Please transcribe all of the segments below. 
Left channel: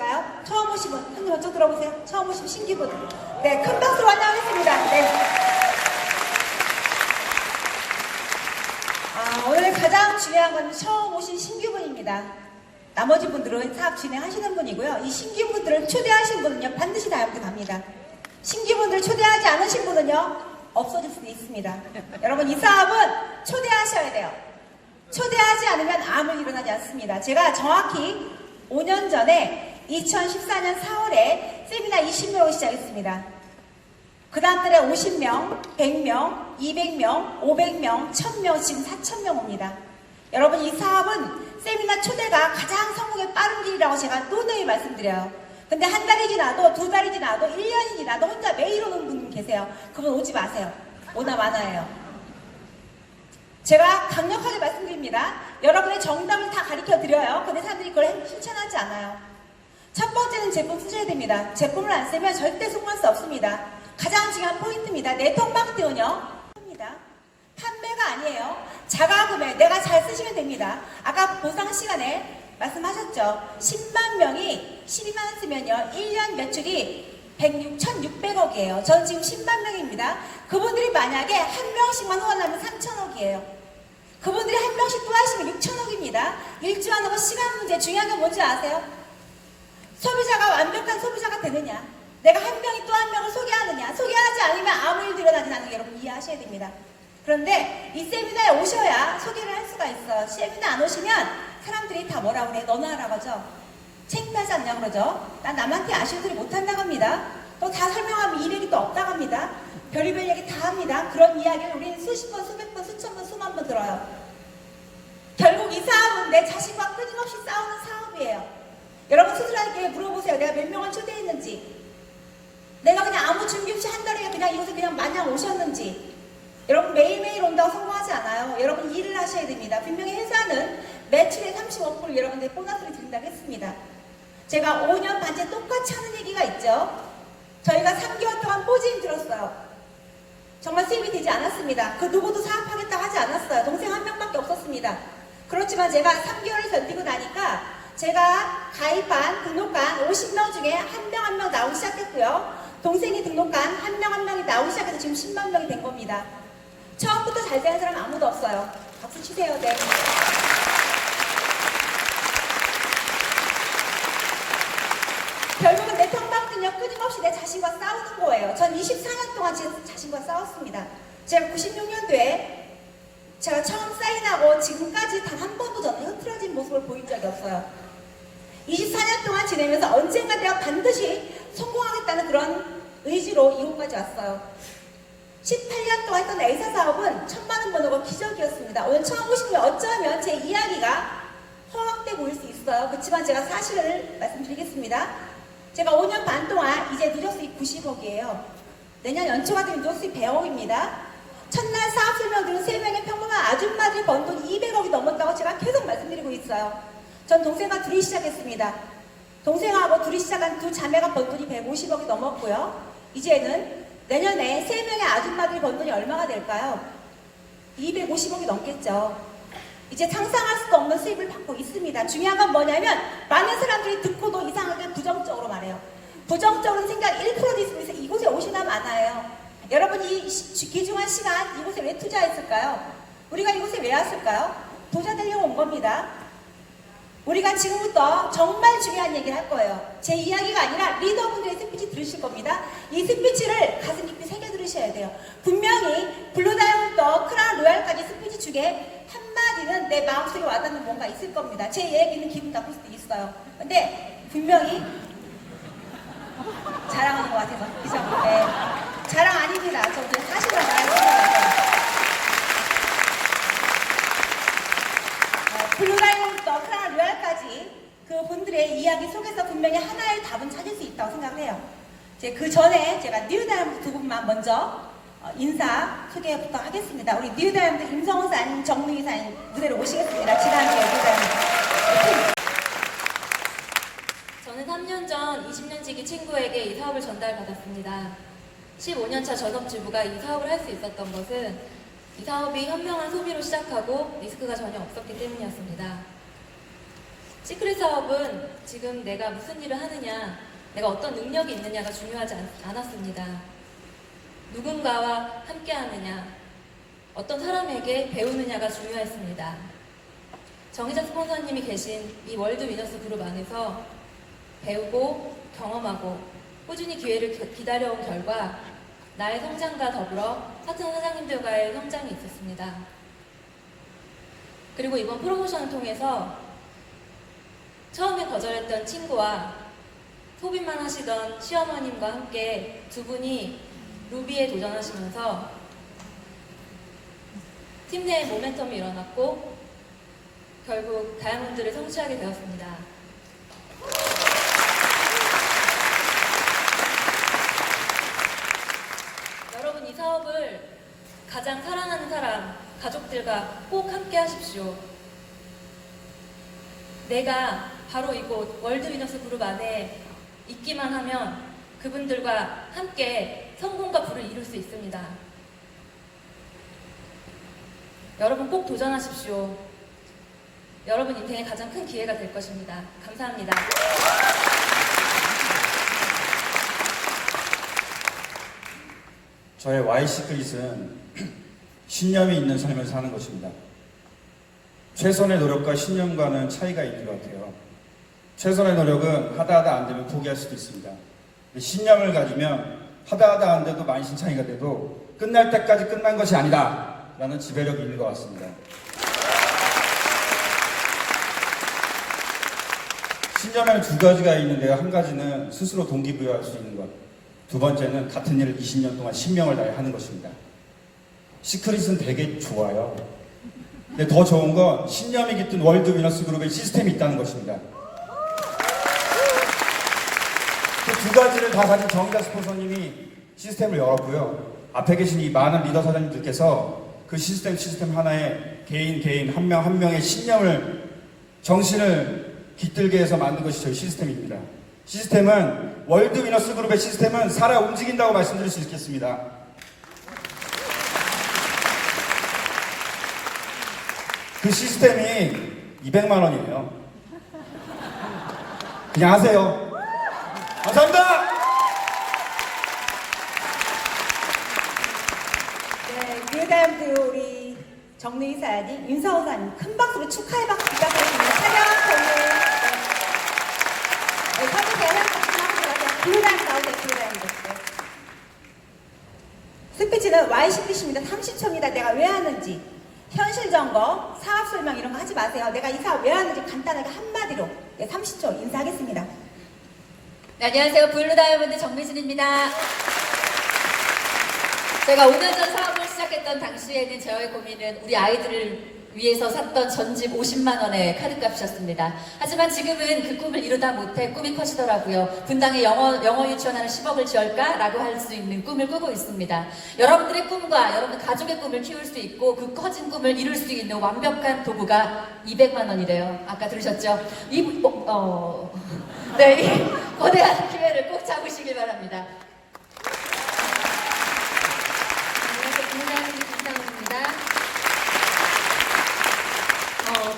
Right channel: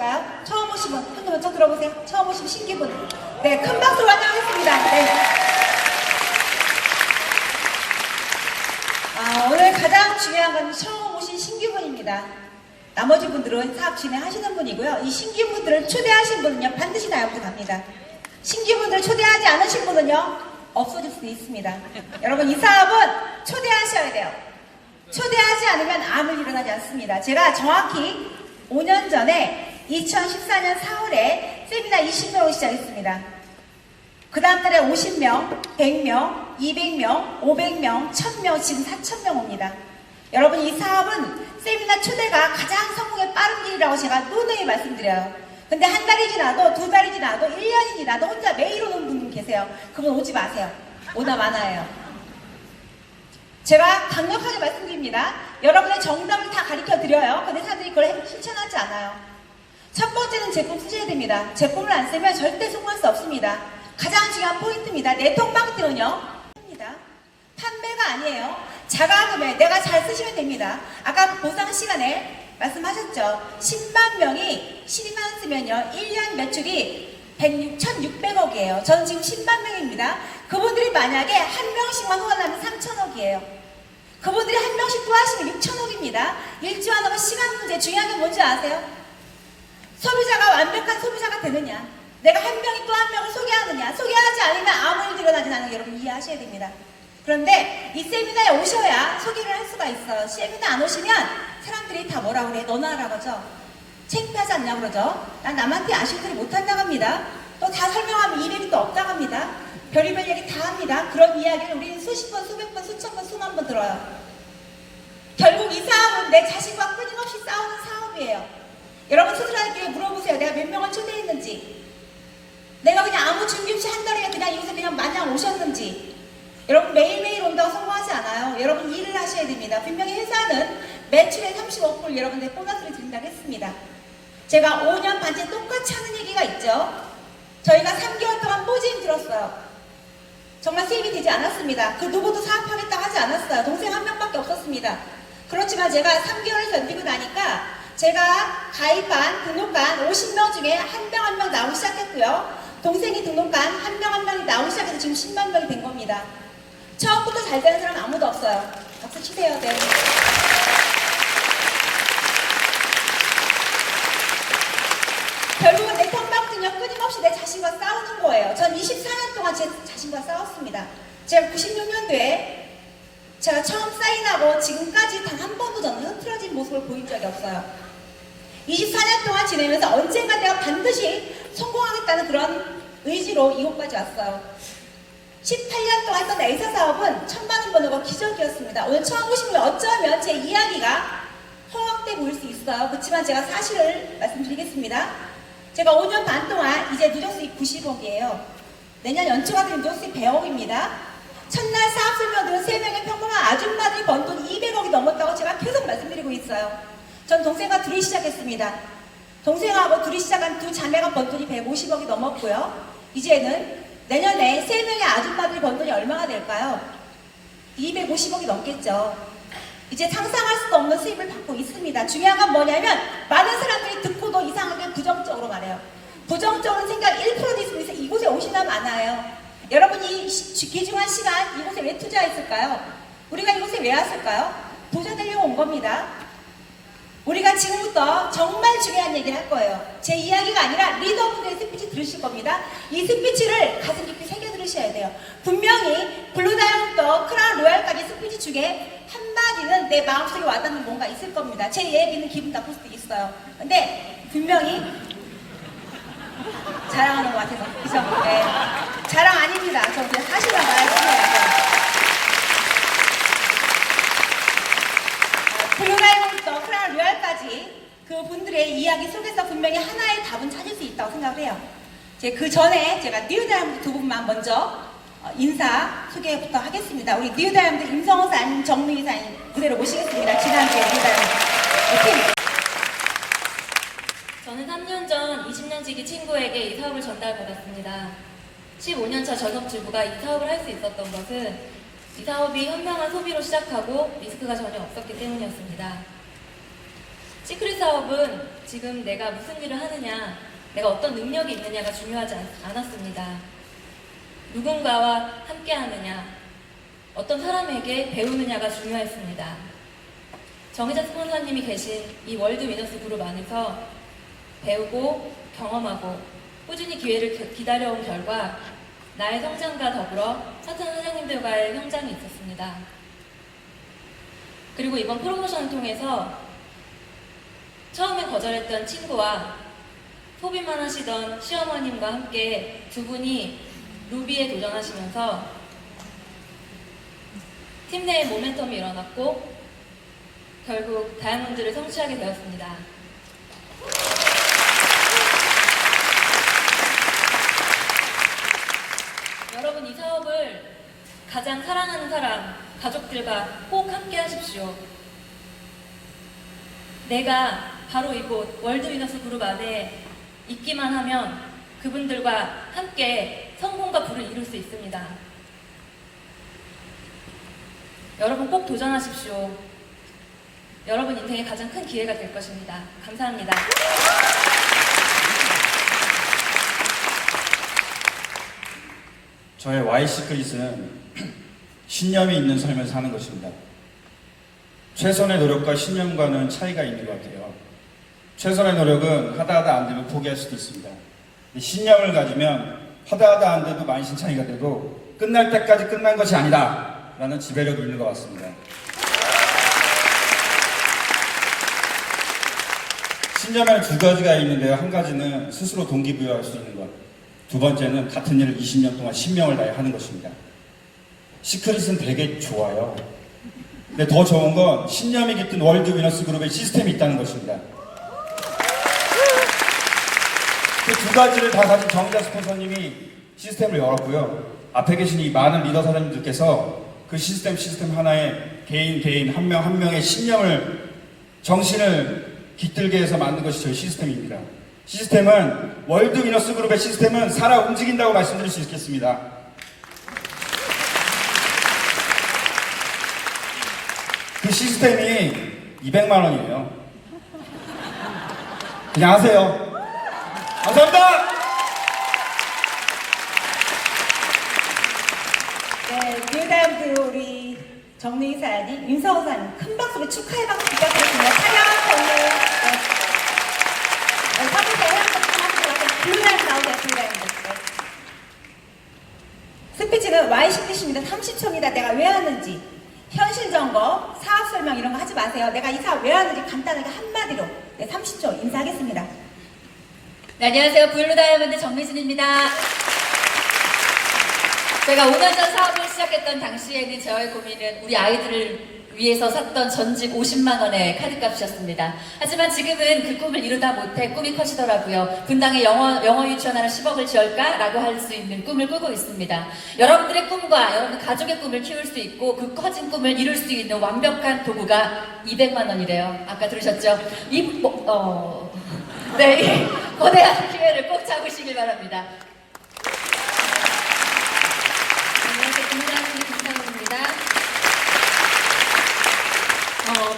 오실까요? 처음 오신 분, 한분 먼저 들어보세요. 처음 오신 신기분. 네, 큰 박수로 환영하겠습니다. 네. 오늘 가장 중요한 건 처음 오신 신규분입니다. 나머지 분들은 사업 진행하시는 분이고요. 이 신규분들을 초대하신 분은요, 반드시 다 옆으로 갑니다. 신규분들 초대하지 않으신 분은요, 없어질 수도 있습니다. 여러분, 이 사업은 초대하셔야 돼요. 초대하지 않으면 아무 일 일어나지 않습니다. 제가 정확히 5년 전에 2014년 4월에 세미나 20명으로 시작했습니다. 그 다음 달에 50명, 100명, 200명, 500명, 1000명, 지금 4000명 옵니다. 여러분, 이 사업은 세미나 초대가 가장 성공의 빠른 길이라고 제가 누누이 말씀드려요. 근데 한 달이 지나도, 두 달이 지나도, 1년이 지나도 혼자 매일 오는 분 계세요. 그분 오지 마세요. 오나 마나예요. 제가 강력하게 말씀드립니다. 여러분의 정답을 다 가르쳐 드려요. 근데 사람들이 그걸 실천하지 않아요. 첫 번째는 제품 쓰셔야 됩니다. 제품을 안 쓰면 절대 성공할 수 없습니다. 가장 중요한 포인트입니다. 네트워크 마케팅은요, 판매가 아니에요. 자가구매, 내가 잘 쓰시면 됩니다. 아까 보상 시간에 말씀하셨죠. 10만 명이 12만 쓰면요, 1년 매출이 1,600억이에요. 저는 지금 10만 명입니다. 그분들이 만약에 한 명씩만 후원하면 3,000억이에요. 그분들이 한 명씩 또 하시면 6,000억입니다. 일주일 하고 시간 문제. 중요한 게 뭔지 아세요? 소비자가 완벽한 소비자가 되느냐, 내가 한 명이 또 한 명을 소개하느냐. 소개하지 않으면 아무 일도 일어나지 않는 게 여러분 이해하셔야 됩니다. 그런데 이 세미나에 오셔야 소개를 할 수가 있어요. 세미나 안 오시면 사람들이 다 뭐라 그래? 너나 하라고 하죠. 창피하지 않냐 그러죠. 난 남한테 아쉬운 소리 못한다고 합니다. 또 다 설명하면 200이 또 없다고 합니다. 별의별 얘기 다 합니다. 그런 이야기를 우리는 수십 번, 수백 번, 수천 번, 수만 번 들어요. 결국 이 사업은 내 자신과 끊임없이 싸우는 사업이에요. 여러분 스스로에게 물어보세요. 내가 몇 명을 초대했는지, 내가 그냥 아무 준비 없이 한 달에 그냥 이곳에 그냥 마냥 오셨는지. 여러분 매일매일 온다고 성공하지 않아요. 여러분 일을 하셔야 됩니다. 분명히 회사는 매출의 35%를 여러분들 보너스를 드린다고 했습니다. 제가 5년 반째 똑같이 하는 얘기가 있죠. 저희가 3개월 동안 뽀짐 들었어요. 정말 수입이 되지 않았습니다. 그 누구도 사업하겠다고 하지 않았어요. 동생 한 명밖에 없었습니다. 그렇지만 제가 3개월을 견디고 나니까 제가 가입한, 등록한 50명 중에 한 명 한 명 나오기 시작했고요. 동생이 등록한 한 명 한 명이 나오기 시작해서 지금 10만 명이 된 겁니다. 처음부터 잘 되는 사람 아무도 없어요. 박수 치세요. 네. 결국은 내 턴박은요, 끊임없이 내 자신과 싸우는 거예요. 전 24년 동안 제 자신과 싸웠습니다. 제가 96년도에 제가 처음 사인하고 지금까지 단 한 번도 저는 흐트러진 모습을 보인 적이 없어요. 24년 동안 지내면서 언젠가 내가 반드시 성공하겠다는 그런 의지로 이곳까지 왔어요. 18년 동안 했던 A사 사업은 1000만 원 버는 거 기적이었습니다. 오늘 처음 오시면 어쩌면 제 이야기가 허황돼 보일 수 있어요. 그렇지만 제가 사실을 말씀드리겠습니다. 제가 5년 반 동안 이제 누적 수익 90억이에요. 내년 연초가 되면 누적 수익 100억입니다. 첫날 사업 설명들은 3명의 평범한 아줌마들이 번 돈 200억이 넘었다고 제가 계속 말씀드리고 있어요. 전 동생과 둘이 시작했습니다. 동생하고 둘이 시작한 두 자매가 번 돈이 150억이 넘었고요. 이제는 내년에 3명의 아줌마들이 번 돈이 얼마가 될까요? 250억이 넘겠죠. 이제 상상할 수도 없는 수입을 받고 있습니다. 중요한 건 뭐냐면 많은 사람들이 듣고도 이상하게 부정적으로 말해요. 부정적인 생각 1%도 있으면 이곳에 오시나 마나요. 여러분이 귀중한 시간 이곳에 왜 투자했을까요? 우리가 이곳에 왜 왔을까요? 부자 되려고 온 겁니다. 우리가 지금부터 정말 중요한 얘기를 할 거예요. 제 이야기가 아니라 리더분들의 스피치 들으실 겁니다. 이 스피치를 가슴 깊이 새겨 들으셔야 돼요. 분명히 블루다이아몬드, 크라운 로얄까지 스피치 중에 한마디는 내 마음속에 와닿는 뭔가 있을 겁니다. 제 얘기는 기분 나쁠 수도 있어요. 근데 분명히 자랑하는 것 같아서. 그죠? 네. 자랑 아닙니다. 저 그냥 하시는 거예요. 블루다이아몬드, 크라운 로얄까지 그 분들의 이야기 속에서 분명히 하나의 답은 찾을 수 있다고 생각을 해요. 그 전에 제가 뉴다이아몬드 두 분만 먼저 인사 소개부터 하겠습니다. 우리 뉴다이아몬드 임성호 사님, 정민희 사님 무대로 모시겠습니다. 지난주에 뉴다이아몬드. 저는 3년 전 20년지기 친구에게 이 사업을 전달받았습니다. 15년차 전업주부가 이 사업을 할 수 있었던 것은 이 사업이 현명한 소비로 시작하고 리스크가 전혀 없었기 때문이었습니다. 시크릿 사업은 지금 내가 무슨 일을 하느냐, 내가 어떤 능력이 있느냐가 중요하지 않았습니다. 누군가와 함께 하느냐, 어떤 사람에게 배우느냐가 중요했습니다. 정희자 스폰서님이 계신 이 월드 위너스 그룹 안에서 배우고 경험하고 꾸준히 기회를 기다려온 결과 나의 성장과 더불어 사천 사장님들과의 성장이 있었습니다. 그리고 이번 프로모션을 통해서 처음에 거절했던 친구와 소비만 하시던 시어머님과 함께 두 분이 루비에 도전하시면서 팀 내의 모멘텀이 일어났고 결국 다이아몬드를 성취하게 되었습니다. 여러분, 이 사업을 가장 사랑하는 사람, 가족들과 꼭 함께 하십시오. 내가 바로 이곳 월드 위너스 그룹 안에 있기만 하면 그분들과 함께 성공과 부를 이룰 수 있습니다. 여러분 꼭 도전하십시오. 여러분 인생의 가장 큰 기회가 될 것입니다. 감사합니다. 저의 Y시크릿은 신념이 있는 삶을 사는 것입니다. 최선의 노력과 신념과는 차이가 있는 것 같아요. 최선의 노력은 하다 안 되면 포기할 수도 있습니다. 신념을 가지면 하다 안 돼도 만신창이가 돼도 끝날 때까지 끝난 것이 아니다 라는 지배력이 있는 것 같습니다. 신념에는 두 가지가 있는데요. 한 가지는 스스로 동기부여할 수 있는 것, 두 번째는 같은 일을 20년 동안 신명을 다해 하는 것입니다. 시크릿은 되게 좋아요. 근데 더 좋은 건 신념이 깃든 월드 위너스 그룹의 시스템이 있다는 것입니다. 그 두 가지를 다 가진 정희자 스폰서님이 시스템을 열었고요. 앞에 계신 이 많은 리더 사장님들께서 그 시스템 하나에 개인 한 명 한 명의 신념을, 정신을 깃들게 해서 만든 것이 저희 시스템입니다. 시스템은, 월드 위너스 그룹의 시스템은 살아 움직인다고 말씀드릴 수 있겠습니다. 그 시스템이 200만 원이에요. 그냥 하세요. 감사합니다! 네, 뉴다임드 우리 정리 이사님, 윤서호 사님 큰 박수로 축하의 박수 부탁드립니다. 촬영 정리. 네, 서주세요. 블루다임 나오세요. 블루다임드. 네. 스피치는 Y시크릿입니다. 30초입니다. 내가 왜 하는지. 현실 점검, 사업 설명 이런 거 하지 마세요. 내가 이 사업 왜 하는지 간단하게 한마디로. 네, 30초 인사하겠습니다. 네, 안녕하세요. 블루다이아몬드 정미진입니다. 제가 5년 전 사업을 시작했던 당시에는 저의 고민은 우리 아이들을 위해서 샀던 전직 50만 원의 카드값이었습니다. 하지만 지금은 그 꿈을 이루다 못해 꿈이 커지더라고요. 분당에 영어 유치원 하나 10억을 지을까라고 할 수 있는 꿈을 꾸고 있습니다. 여러분들의 꿈과 여러분 가족의 꿈을 키울 수 있고 그 커진 꿈을 이룰 수 있는 완벽한 도구가 200만 원이래요. 아까 들으셨죠? 네, 이 거대한 기회를 꼭 잡으시길 바랍니다. 안녕하세요. 김나은님 김상우입니다.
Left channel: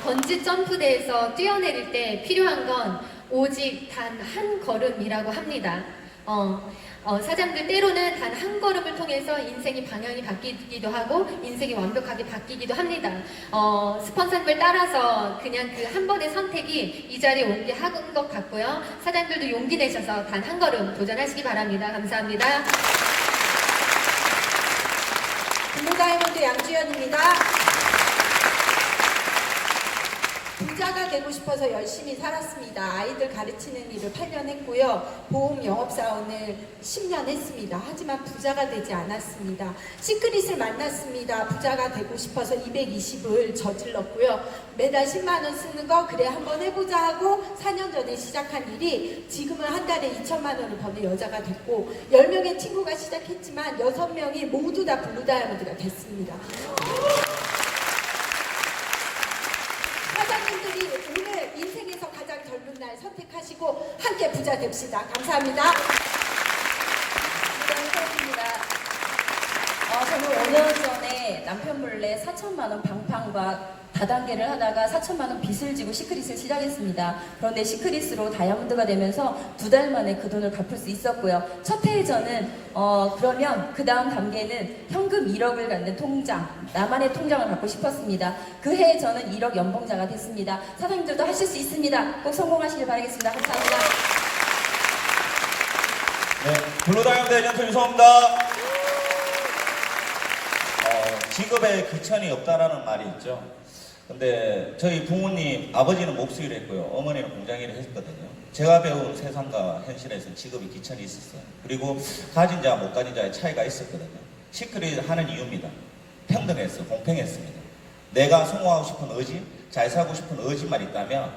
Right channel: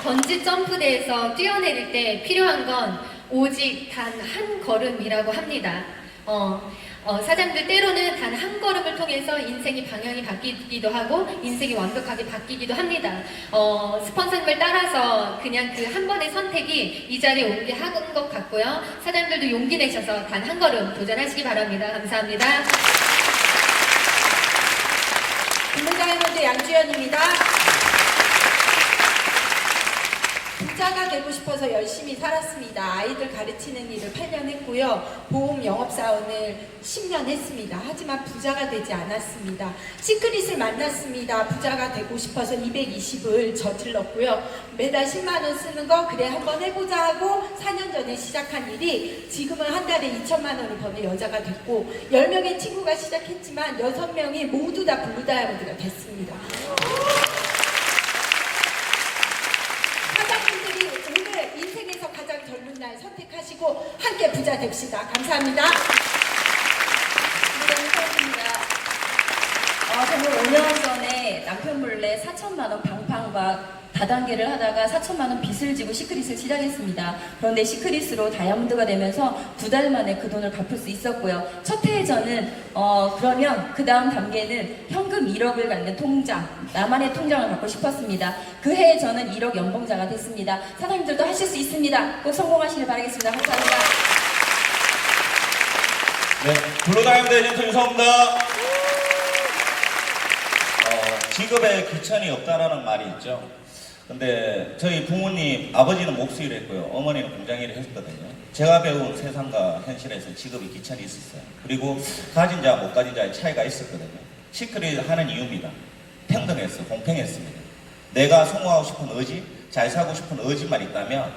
번지 점프대에서 뛰어내릴 때 필요한 건 오직 단 한 걸음이라고 합니다. 사장들 때로는 단 한 걸음을 통해서 인생의 방향이 바뀌기도 하고 인생이 완벽하게 바뀌기도 합니다. 스폰서님을 따라서 그냥 그 한 번의 선택이 이 자리에 오게 한 것 같고요. 사장들도 용기 내셔서 단 한 걸음 도전하시기 바랍니다. 감사합니다. 블루다이아몬드 양주연입니다. 부자가 되고 싶어서 열심히 살았습니다. 아이들 가르치는 일을 8년 했고요. 보험 영업사원을 10년 했습니다. 하지만 부자가 되지 않았습니다. 시크릿을 만났습니다. 부자가 되고 싶어서 220을 저질렀고요. 매달 10만 원 쓰는 거 그래 한번 해보자 하고 4년 전에 시작한 일이 지금은 한 달에 2천만 원을 버는 여자가 됐고 10명의 친구가 시작했지만 6명이 모두 다 블루다이아몬드가 됐습니다. 사장님들이 오늘 인생에서 가장 젊은 날 선택하시고 함께 부자 됩시다. 감사합니다. 저는 5년 전에 남편 남편 몰래 4천만 원 방판과 다단계를 하다가 4천만 원 빚을 지고 시크릿을 시작했습니다. 그런데 시크릿으로 다이아몬드가 되면서 2달 만에 그 돈을 갚을 수 있었고요. 첫 해에 저는 그러면 그 다음 단계는 현금 1억을 갖는 통장, 나만의 통장을 갖고 싶었습니다. 그 해에 저는 1억 연봉자가 됐습니다. 사장님들도 하실 수 있습니다. 꼭 성공하시길 바라겠습니다. 감사합니다. 네, 블루다이아몬드 에이전트 유성입니다. 직업에 귀천이 없다라는 말이 있죠. 근데 저희 부모님, 아버지는 목수일을 했고요. 어머니는 공장일을 했거든요. 제가 배운 세상과 현실에서 직업이 귀천이 있었어요. 그리고 가진 자와 못 가진 자의 차이가 있었거든요. 시크릿 하는 이유입니다. 평등했어요. 공평했습니다. 내가 성공하고 싶은 의지, 잘 살고 싶은 의지만 있다면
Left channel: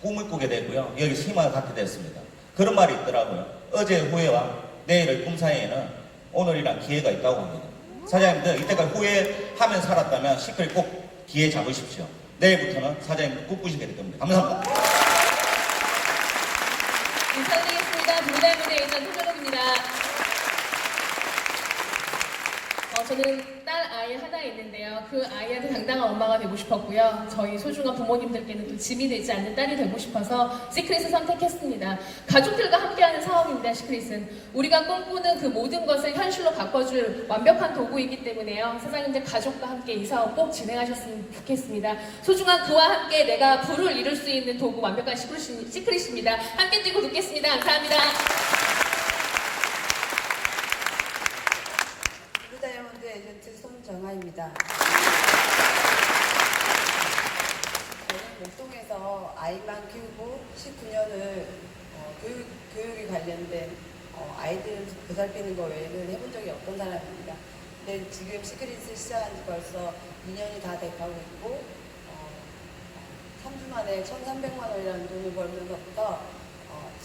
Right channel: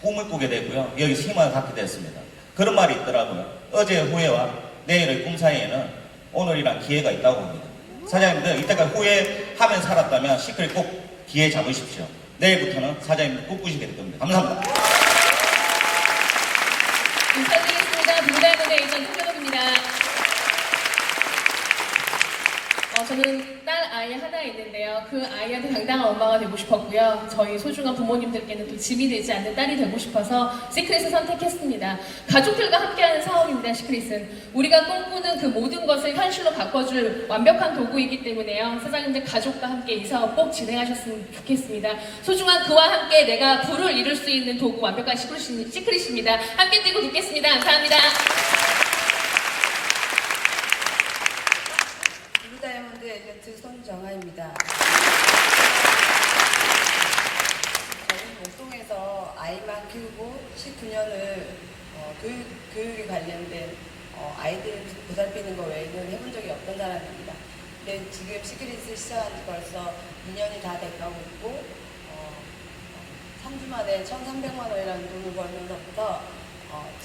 꿈을 꾸게 되고요. 여기서 희망을 갖게 됐습니다. 그런 말이 있더라고요. 어제의 후회와 내일의 꿈 사이에는 오늘이란 기회가 있다고 합니다. 사장님들 이때까지 후회하면 살았다면 시크릿 꼭 기회 잡으십시오. 내일부터는 사장님들 꿈꾸시게 될 겁니다. 감사합니다. 인사드리겠습니다. 블루다이아몬드 에이전트 최동입니다. 저는 딸 아이 하나 있는데요. 그 아이한테 당당한 엄마가 되고 싶었고요. 저희 소중한 부모님들께는 또 짐이 되지 않는 딸이 되고 싶어서 시크릿을 선택했습니다. 가족들과 함께하는 사업입니다. 시크릿은 우리가 꿈꾸는 그 모든 것을 현실로 바꿔줄 완벽한 도구이기 때문에요. 사장님들 가족과 함께 이 사업 꼭 진행하셨으면 좋겠습니다. 소중한 그와 함께 내가 부를 이룰 수 있는 도구 완벽한 시크릿입니다. 함께 뛰고 듣겠습니다. 감사합니다. 블루다이아몬드 에이전트 손정아입니다. 저는 월동에서 아이만 키우고 19년을 교육에 관련된 아이들 보살피는 거 외에는 해본 적이 없던 사람입니다. 근데 지금 시크릿을 시작한 지 벌써 2년이 다 돼가고 있고 3주 만에 1,300만 원이라는 돈을 벌면서부터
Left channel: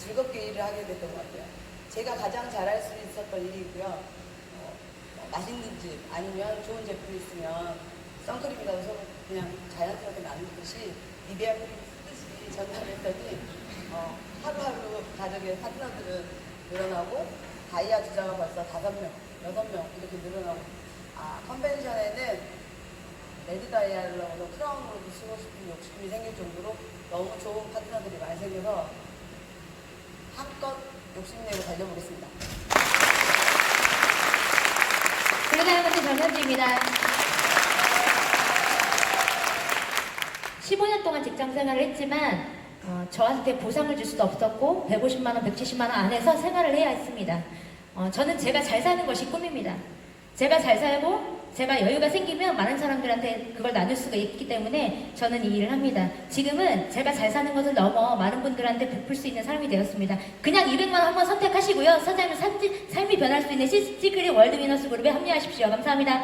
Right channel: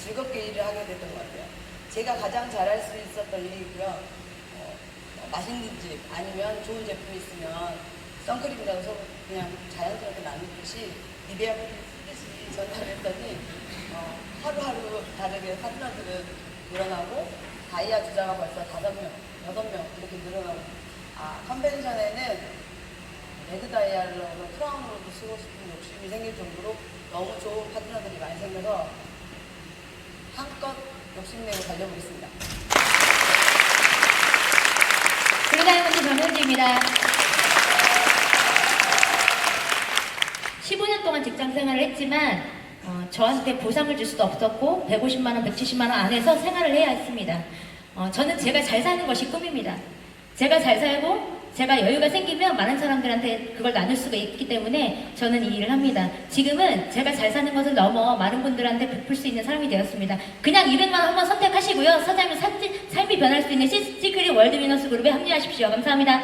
즐겁게 일을 하게 됐던 것 같아요. 제가 가장 잘할 수 있었던 일이고요. 맛있는 집 아니면 좋은 제품이 있으면 선크림이라고 해서 그냥 자연스럽게 나누듯이 이데아를 쓰듯이 전달했더니 하루하루 다르게 파트너들은 늘어나고 다이아 주자가 벌써 5명, 6명 이렇게 늘어나고 컨벤션에는 레드 다이아로 크라운으로도 쓰고 싶은 욕심이 생길 정도로 너무 좋은 파트너들이 많이 생겨서 한껏 욕심내고 달려보겠습니다. 블루다이아몬드 전현주입니다. 15년 동안 직장 생활을 했지만 저한테 보상을 줄 수도 없었고 150만 원, 170만 원 안에서 생활을 해야 했습니다. 저는 제가 잘 사는 것이 꿈입니다. 제가 잘 살고 제가 여유가 생기면 많은 사람들한테 그걸 나눌 수가 있기 때문에 저는 이 일을 합니다. 지금은 제가 잘 사는 것을 넘어 많은 분들한테 베풀 수 있는 사람이 되었습니다. 그냥 200만 원 한번 선택하시고요. 사장님 삶이 변할 수 있는 시크릿 월드위너스 그룹에 합류하십시오. 감사합니다.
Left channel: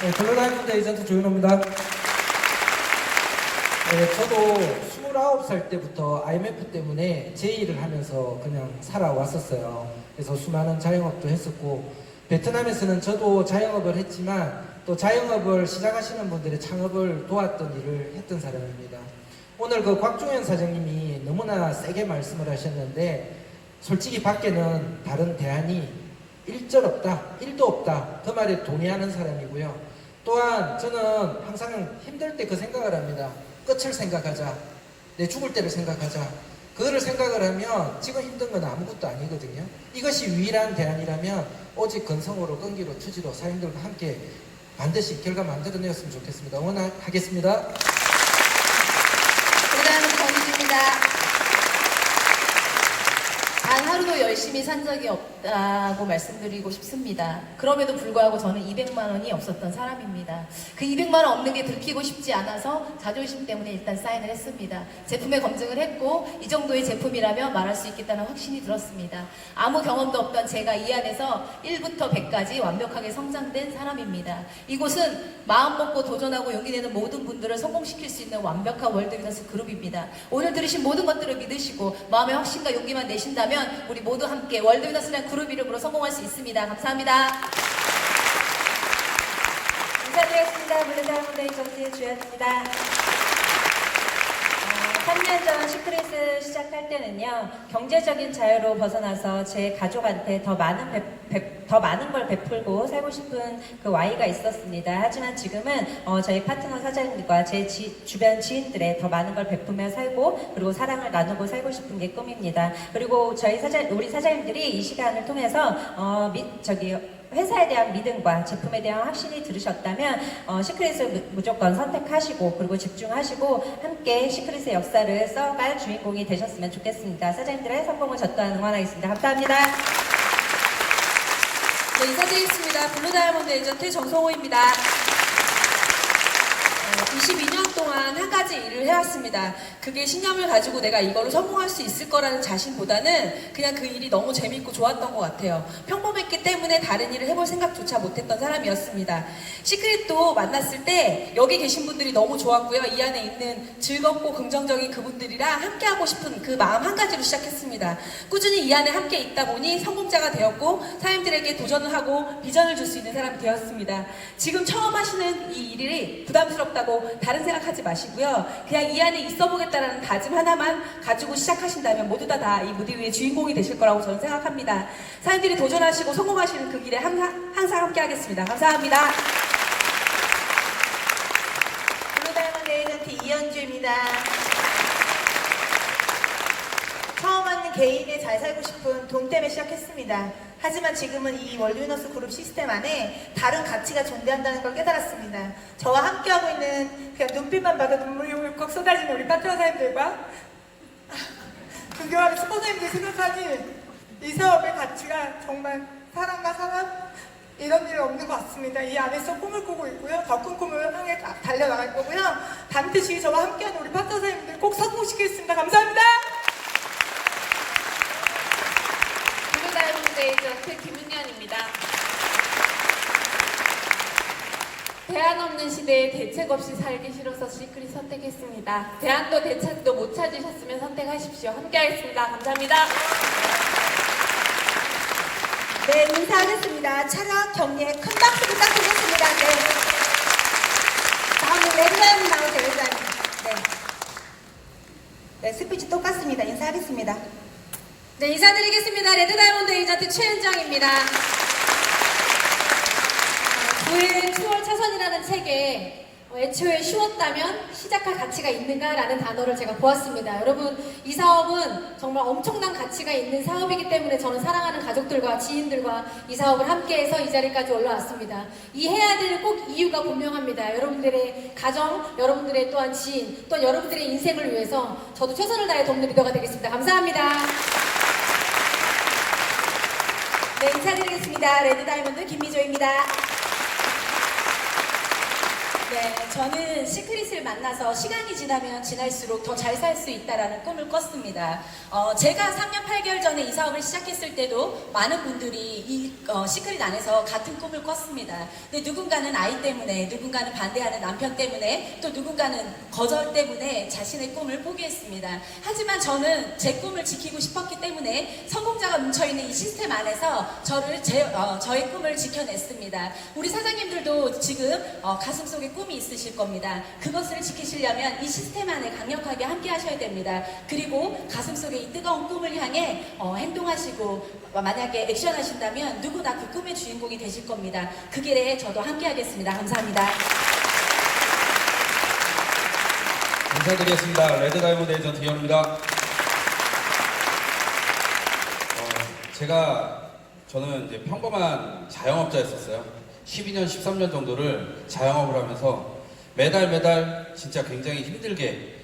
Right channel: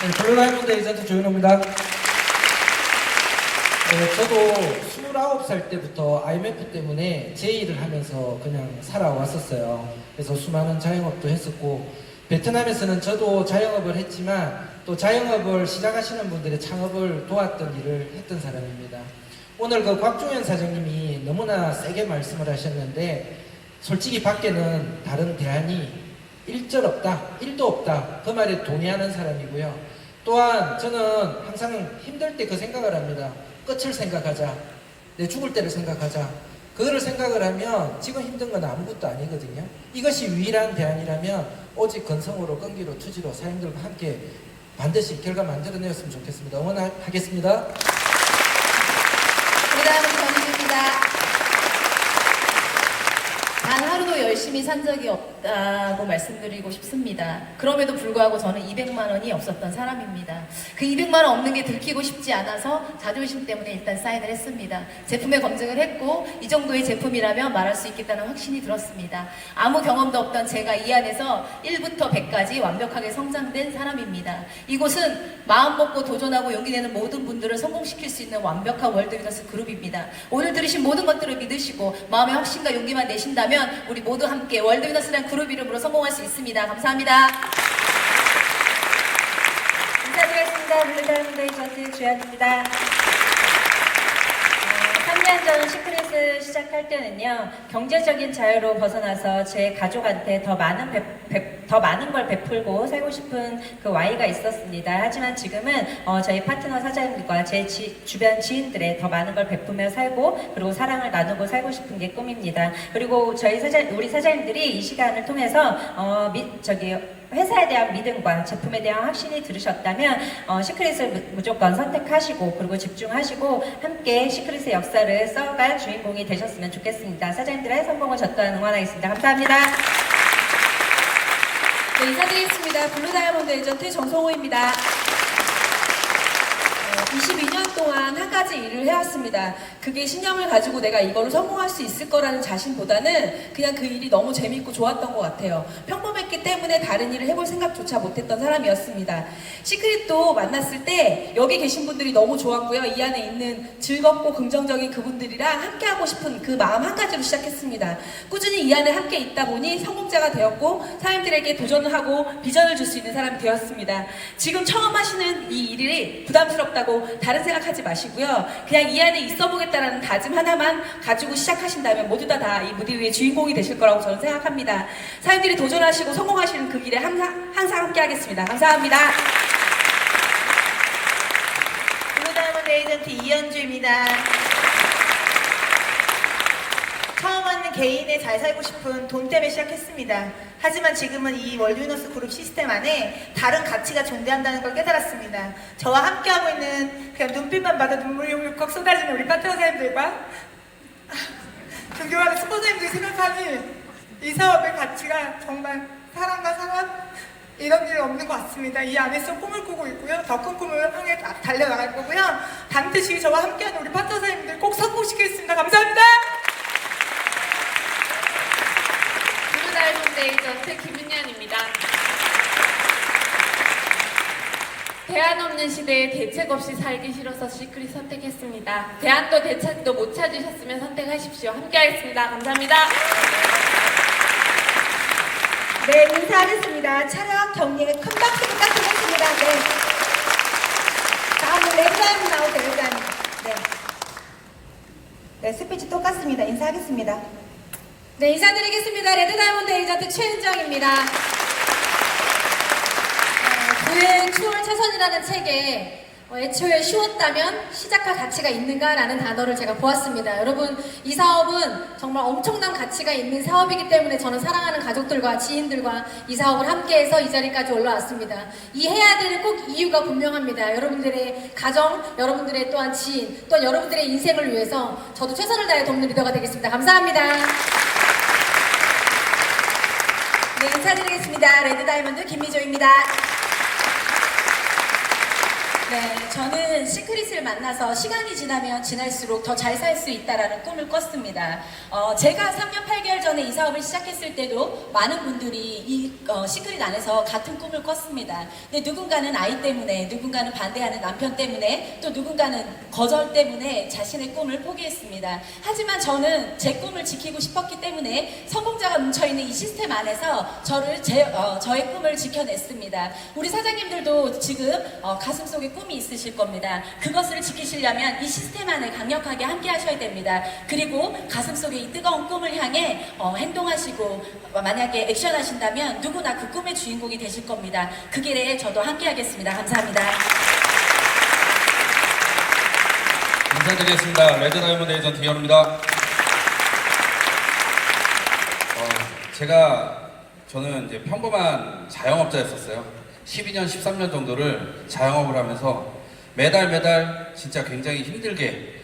네, 블루다이아몬드 에이전트 조윤호입니다. 저도 29살 때부터 IMF 때문에 제 일을 하면서 그냥 살아왔었어요. 그래서 수많은 자영업도 했었고, 베트남에서는 저도 자영업을 했지만 또 자영업을 시작하시는 분들의 창업을 도왔던 일을 했던 사람입니다. 오늘 그 곽종현 사장님이 너무나 세게 말씀을 하셨는데, 솔직히 밖에는 다른 대안이 1절 없다, 1도 없다, 그 말에 동의하는 사람이고요. 또한 저는 항상 힘들 때 그 생각을 합니다. 끝을 생각하자, 내 죽을 때를 생각하자. 그거를 생각을 하면 지금 힘든 건 아무것도 아니거든요. 이것이 유일한 대안이라면 오직 건성으로, 끈기로, 투지로 사장님들과 함께 반드시 결과 만들어내었으면 좋겠습니다. 응원하겠습니다. 블루다이아몬드 전현주입니다. 단 하루도 열심히 산 적이 없다고 말씀드리고 싶습니다. 그럼에도 불구하고 저는 200만 원이 없었던 사람입니다. 그 200만 원 없는 게 들키고 싶지 않아서 자존심 때문에 일단 사인을 했습니다. 제품에 검증을 했고 이 정도의 제품이라면 말할 수 있겠다는 확신이 들었습니다. 아무 경험도 없던 제가 이 안에서 1부터 100까지 완벽하게 성장된 사람입니다. 이곳은 마음 먹고 도전하고 용기 내는 모든 분들을 성공시킬 수 있는 완벽한 월드위너스 그룹입니다. 오늘 들으신 모든 것들을 믿으시고 마음의 확신과 용기만 내신다면 우리 모두 함께 월드위너스라는 그룹 이름으로 성공할 수 있습니다. 감사합니다. 인사드리겠습니다. 블루다이아몬드 에이전트 주연입니다. 3년 전 시크릿을 시작할 때는요, 경제적인 자유로 벗어나서 제 가족한테 더 많은 더 많은 걸 베풀고 살고 싶은 그 Y가 있었습니다. 하지만 지금은 저희 파트너 사장님들과 제 주변 지인들의 더 많은 걸 베푸며 살고 그리고 사랑을 나누고 살고 싶은 게 꿈입니다. 그리고 우리 사장님들이 이 시간을 통해서 회사에 대한 믿음과 제품에 대한 확신이 들으셨다면 시크릿을 무조건 선택하시고 그리고 집중하시고 함께 시크릿의 역사를 써갈 주인공이 되셨으면 좋겠습니다. 사장님들의 성공을 저 또한 응원하겠습니다. 감사합니다. 네, 인사드리겠습니다. 블루다이아몬드 에이전트 정성호입니다. 22년 동안 한 가지 일을 해왔습니다. 그게 신념을 가지고 내가 이거를 성공할 수 있을 거라는 자신보다는 그냥 그 일이 너무 재밌고 좋았던 것 같아요. 평범했기 때문에 다른 일을 해볼 생각조차 못했던 사람이었습니다. 시크릿도 만났을 때 여기 계신 분들이 너무 좋았고요. 이 안에 있는 즐겁고 긍정적인 그분들이랑 함께하고 싶은 그 마음 한 가지로 시작했습니다. 꾸준히 이 안에 함께 있다 보니 성공자가 되었고 사람들에게 도전을 하고 비전을 줄 수 있는 사람이 되었습니다. 지금 처음 하시는 이 일이 부담스럽다고 다른 생각하지 마시고요. 그냥 이 안에 있어 보겠다라는 다짐 하나만 가지고 시작하신다면 모두 다 이 무대 위의 주인공이 되실 거라고 저는 생각합니다. 사람들이 도전하시고 성공하시는 그 길에 항상 함께 하겠습니다. 감사합니다. 블루다이아몬드 에이전트 이현주입니다. 처음 하는 개인의 잘 살고 싶은 돈 때문에 시작했습니다. 하지만 지금은 이 월드위너스 그룹 시스템 안에 다른 가치가 존재한다는 걸 깨달았습니다. 저와 함께하고 있는 그냥 눈빛만 봐도 눈물이 훅훅 쏟아지는 우리 파트너 사람들과 존경하는 스폰서님들 생각하니 이 사업의 가치가 정말 사람과 사람 이런 일이 없는 것 같습니다. 이 안에서 꿈을 꾸고 있고요. 더 큰 꿈을 향해 달려나갈 거고요. 반드시 저와 함께하는 우리 파트너 사람들 꼭 성공시키겠습니다. 감사합니다. 블루다이아몬드 에이전트 김윤현입니다. 대안 없는 시대에 대책 없이 살기 싫어서 시크릿 선택했습니다. 대안도 대책도 못 찾으셨으면 선택하십시오. 함께하겠습니다. 감사합니다. 네, 인사하겠습니다. 촬영 경례 큰 박수 부탁드리겠습니다. 네. 다음은 레드다이아몬드 나오세요, 레드다이아몬드. 네. 네, 스피치 똑같습니다. 인사하겠습니다. 네, 인사드리겠습니다. 레드다이아몬드 에이전트 최은정입니다. 그의 추월 차선이라는 책에 애초에 쉬웠다면 시작할 가치가 있는가라는 단어를 제가 보았습니다. 여러분, 이 사업은 정말 엄청난 가치가 있는 사업이기 때문에 저는 사랑하는 가족들과 지인들과 이 사업을 함께해서 이 자리까지 올라왔습니다. 이 해야 되는 꼭 이유가 분명합니다. 여러분들의 가정, 여러분들의 또한 지인, 또한 여러분들의 인생을 위해서 저도 최선을 다해 돕는 리더가 되겠습니다. 감사합니다. 네, 인사드리겠습니다. 레드다이아몬드 김미조입니다. 네, 저는 시크릿을 만나서 시간이 지나면 지날수록 더 잘 살 수 있다라는 꿈을 꿨습니다. 제가 3년 8개월 전에 이 사업을 시작했을 때도 많은 분들이 이 시크릿 안에서 같은 꿈을 꿨습니다. 근데 누군가는 아이 때문에, 누군가는 반대하는 남편 때문에, 또 누군가는 거절 때문에 자신의 꿈을 포기했습니다. 하지만 저는 제 꿈을 지키고 싶었기 때문에 성공자가 뭉쳐있는 이 시스템 안에서 저의 꿈을 지켜냈습니다. 우리 사장님들도 지금 가슴속에 꿈이 있으실 겁니다. 그것을 지키시려면 이 시스템 안에 강력하게 함께 하셔야 됩니다. 그리고 가슴속에 이 뜨거운 꿈을 향해 행동하시고 만약에 액션 하신다면 누구나 그 꿈의 주인공이 되실 겁니다. 그 길에 저도 함께 하겠습니다. 감사합니다. 인사드리겠습니다. 레드다이아몬드 에이전트 이현우입니다. 저는 이제 평범한 자영업자였었어요. 12년, 13년 정도를 자영업을 하면서 매달 진짜 굉장히 힘들게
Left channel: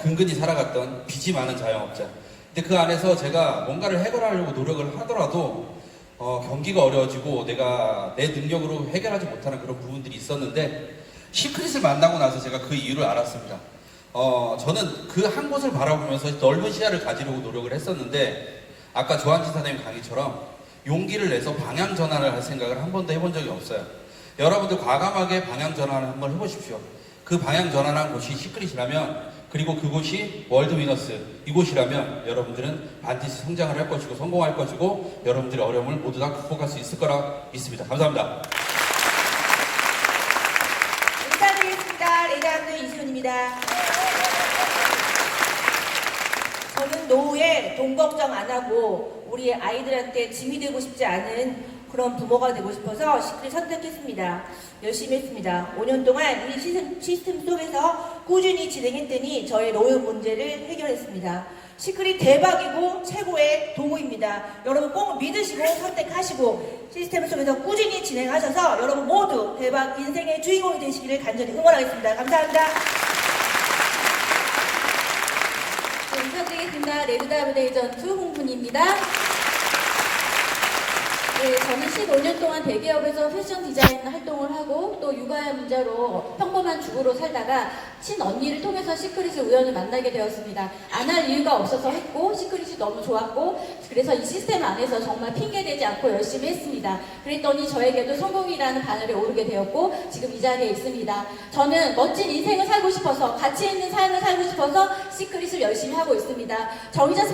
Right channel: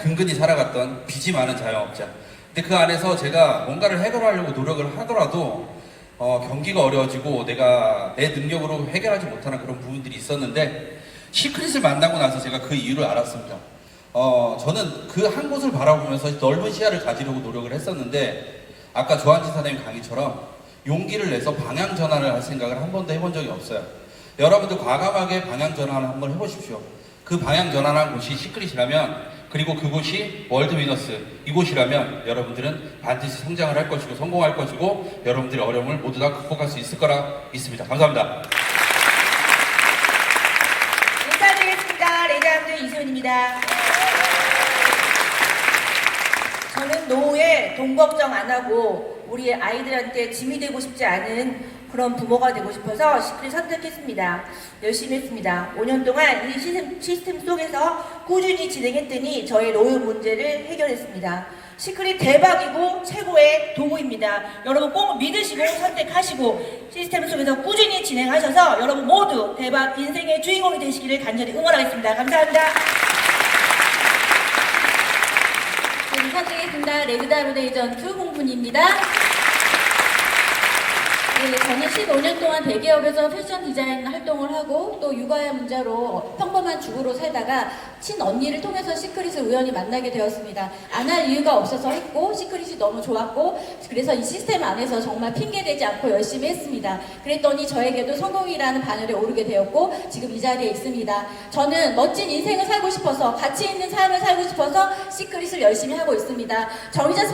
근근히 살아갔던 빚이 많은 자영업자. 근데 그 안에서 제가 뭔가를 해결하려고 노력을 하더라도 경기가 어려워지고 내가 내 능력으로 해결하지 못하는 그런 부분들이 있었는데 시크릿을 만나고 나서 제가 그 이유를 알았습니다. 저는 그 한 곳을 바라보면서 넓은 시야를 가지려고 노력을 했었는데 아까 조한진 사장님 강의처럼 용기를 내서 방향 전환을 할 생각을 한 번도 해본 적이 없어요. 여러분도 과감하게 방향 전환을 한번 해보십시오. 그 방향 전환한 곳이 시크릿이라면, 그리고 그곳이 월드위너스 이곳이라면 여러분들은 반드시 성장을 할 것이고 성공할 것이고 여러분들의 어려움을 모두 다 극복할 수 있을 거라 믿습니다. 감사합니다. 인사드리겠습니다. 레드다이아몬드 이소연입니다. 저는 노후에 돈 걱정 안 하고 우리 아이들한테 짐이 되고 싶지 않은 그런 부모가 되고 싶어서 시크릿 선택했습니다. 열심히 했습니다. 5년 동안 이 시스템 속에서 꾸준히 진행했더니 저희 노후 문제를 해결했습니다. 시크릿 대박이고 최고의 도구입니다. 여러분 꼭 믿으시고 선택하시고 시스템 속에서 꾸준히 진행하셔서 여러분 모두 대박 인생의 주인공이 되시기를 간절히 응원하겠습니다. 감사합니다. 네, 인사드리겠습니다. 레드다 로데이전투 홍분입니다. 네, 저는 15년 동안 대기업에서 패션 디자인 활동을 하고 또 육아의 문제로 평범한 주부로 살다가 친언니를 통해서 시크릿을 우연히 만나게 되었습니다. 안 할 이유가 없어서 했고 시크릿이 너무 좋았고 그래서 이 시스템 안에서 정말 핑계대지 않고 열심히 했습니다. 그랬더니 저에게도 성공이라는 바늘에 오르게 되었고 지금 이 자리에 있습니다. 저는 멋진 인생을 살고 싶어서 가치 있는 삶을 살고 싶어서 시크릿을 열심히 하고 있습니다. 정의자